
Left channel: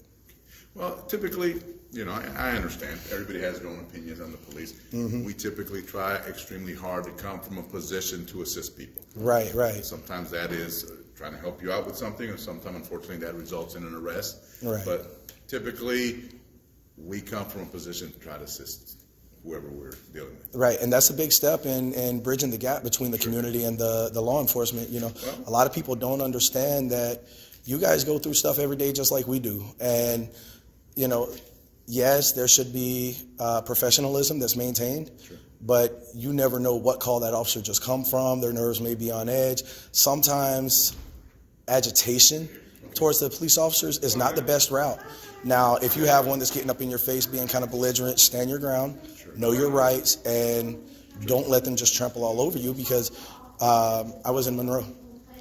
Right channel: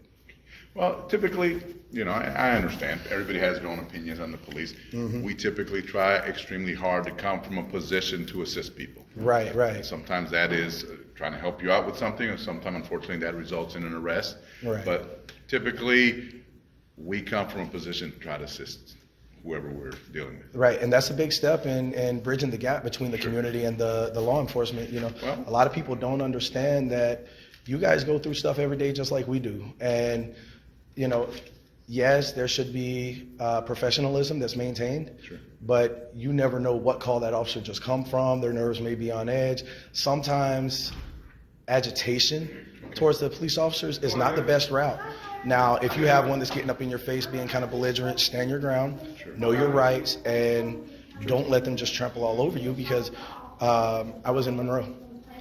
Well, typically, I understand. Everybody has their own opinions on the police. We typically try extremely hard to come from a position to assist people. Right. And sometimes that is trying to help you out with something, and sometimes, unfortunately, that results in an arrest. Right. But typically, we come from a position to try to assist whoever we're dealing with. Right, and that's a big step in bridging the gap between the community and the law enforcement. You know, a lot of people don't understand that you guys go through stuff every day just like we do. And, you know, yes, there should be professionalism that's maintained, but you never know what call that officer just come from. Their nerves may be on edge. Sometimes agitation towards the police officers is not the best route. Now, if you have one that's getting up in your face, being kind of belligerent, stand your ground, know your rights, and don't let them just trample all over you, because I was in Monroe.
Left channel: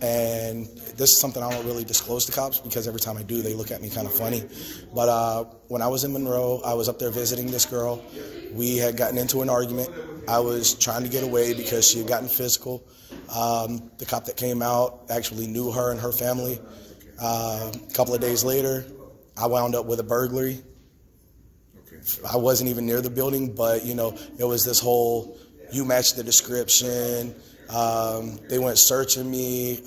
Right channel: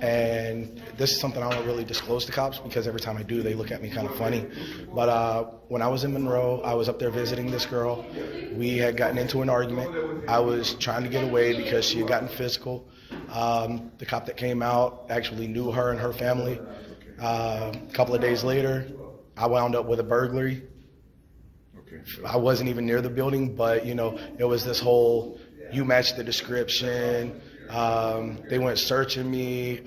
And this is something I don't really disclose to cops, because every time I do, they look at me kind of funny. But when I was in Monroe, I was up there visiting this girl. We had gotten into an argument. I was trying to get away because she had gotten physical. The cop that came out actually knew her and her family. A couple of days later, I wound up with a burglary. I wasn't even near the building, but, you know, it was this whole, you matched the description. They went searching me,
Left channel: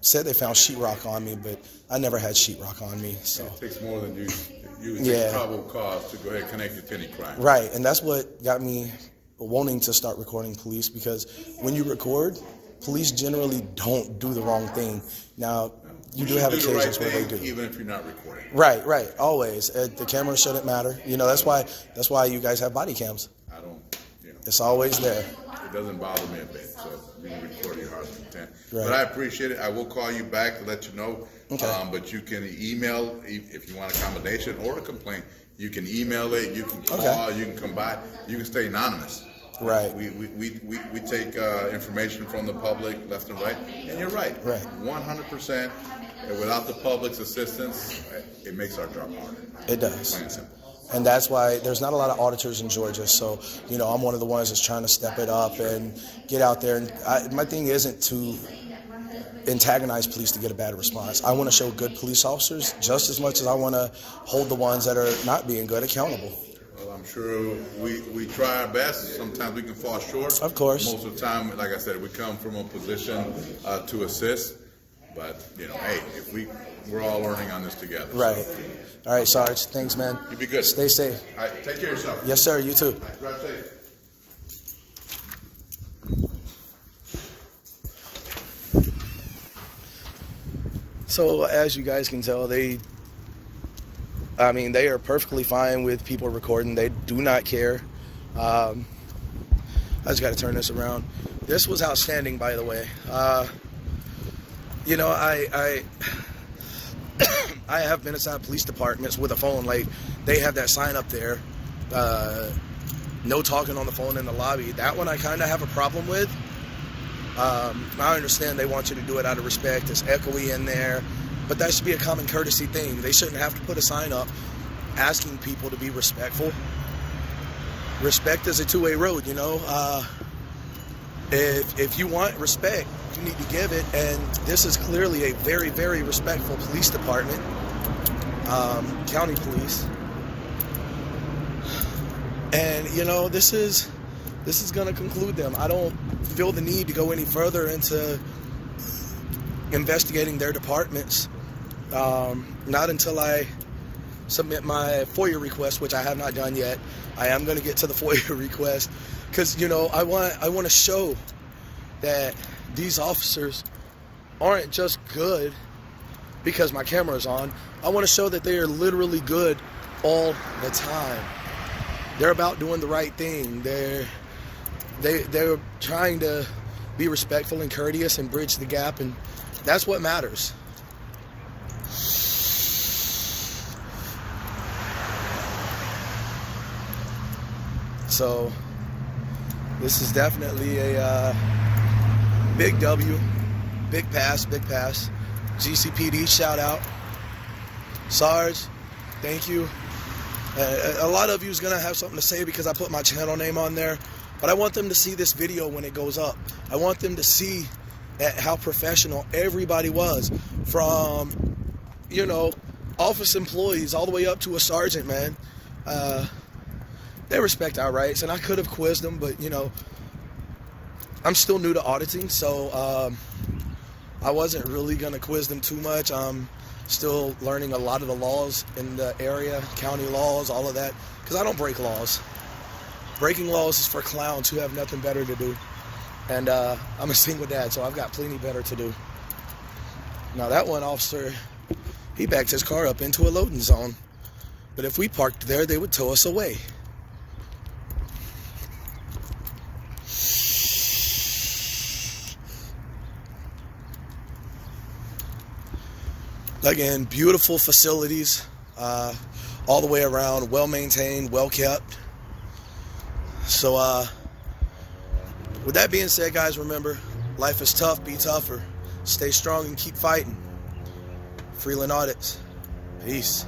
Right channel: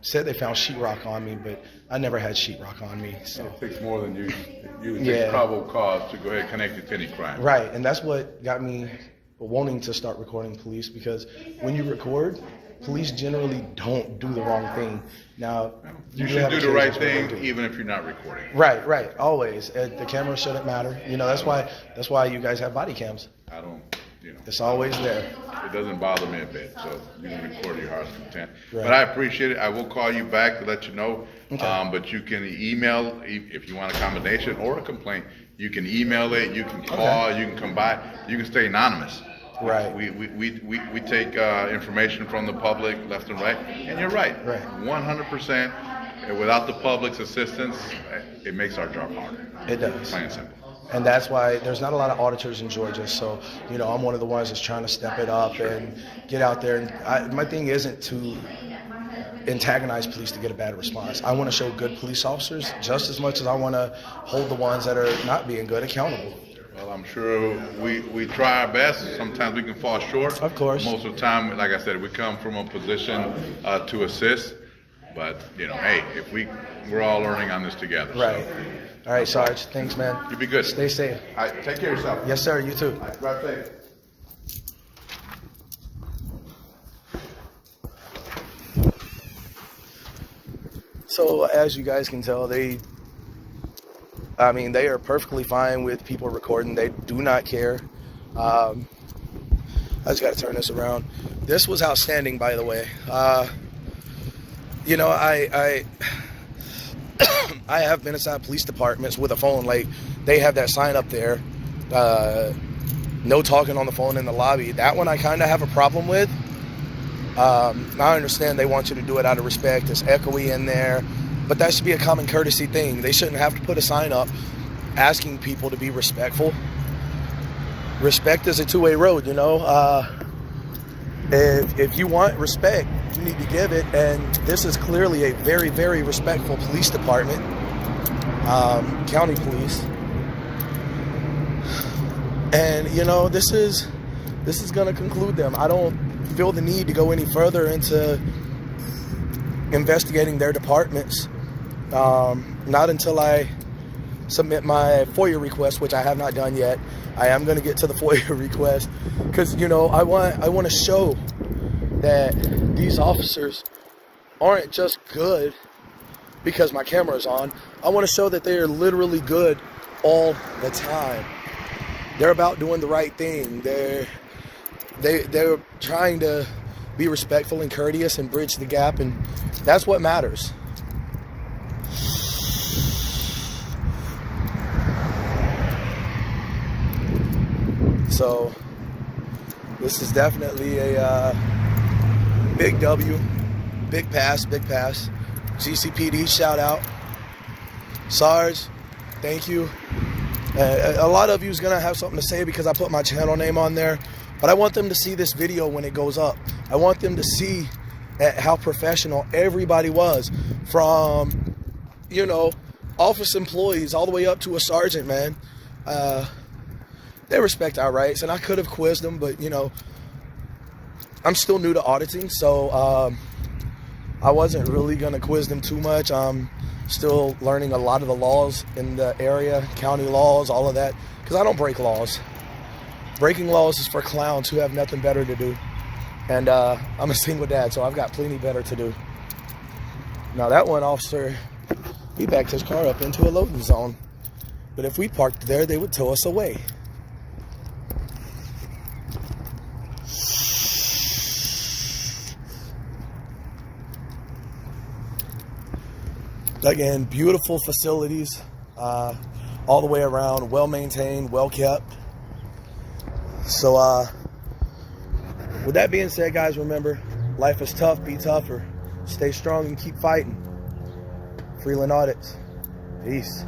said they found sheetrock on me, but I never had sheetrock on me. So it takes more than you would take probable cause to go ahead and connect it to any crime. Right, and that's what got me wanting to start recording police, because when you record, police generally don't do the wrong thing. Now, you should do the right thing, even if you're not recording. Right, always. The camera shouldn't matter. You know, that's why you guys have body cams. I don't, you know. It's always there. It doesn't bother me a bit, so you can record your heart's content. Right. But I appreciate it. I will call you back to let you know. Okay. But you can email if you want a combination or a complaint. You can email it. You can call. You can come by. You can stay anonymous. Right. We take information from the public left and right, and you're right. 100%. Without the public's assistance, it makes our job harder. It does. Plain and simple. And that's why there's not a lot of auditors in Georgia. So, you know, I'm one of the ones that's trying to step it up and get out there. And my thing isn't to antagonize police to get a bad response. I want to show good police officers just as much as I want to hold the ones that are not being good accountable. Well, I'm sure we try our best. Sometimes we can fall short. Of course. Most of the time, like I said, we come from a position to assist. But, you know, hey, we're all learning on this together. Right. So. All right, Sarge. Thanks, man. You be good. Stay safe. All right, take care of yourself. Yes, sir. You too. Drive safe. So as you guys can tell, they are perfectly fine with people recording. They do not care. I just got to turn this around. This was outstanding, by the way. You know, I have been inside police departments with a phone. Like, they have that sign up there, no talking on the phone in the lobby. That one I kind of have a problem with. I understand they want you to do it out of respect. It's echoey in there, but that should be a common courtesy thing. They shouldn't have to put a sign up asking people to be respectful. Respect is a two-way road, you know. If you want respect, you need to give it, and this is clearly a very, very respectful police department, county police. And, you know, this is going to conclude them. I don't feel the need to go any further into investigating their departments, not until I submit my FOIA request, which I have not done yet. I am going to get to the FOIA request because, you know, I want to show that these officers aren't just good because my camera is on. I want to show that they are literally good all the time. They're about doing the right thing. They're trying to be respectful and courteous and bridge the gap, and that's what matters. So this is definitely a big W, big pass. GCPD, shout out. Sarge, thank you. A lot of you is going to have something to say because I put my channel name on there, but I want them to see this video when it goes up. I want them to see how professional everybody was, from, you know, office employees all the way up to a sergeant, man. They respect our rights, and I could have quizzed them, but, you know, I'm still new to auditing, so I wasn't really going to quiz them too much. I'm still learning a lot of the laws in the area, county laws, all of that, because I don't break laws. breaking laws is for clowns who have nothing better to do. And I'm a single dad, so I've got plenty better to do. Now that one officer, he backed his car up into a loading zone. But if we parked there, they would tow us away. Again, beautiful facilities, all the way around, well maintained, well kept. So with that being said, guys, remember, life is tough, be tougher. Stay strong and keep fighting. Freeland Audits. Peace.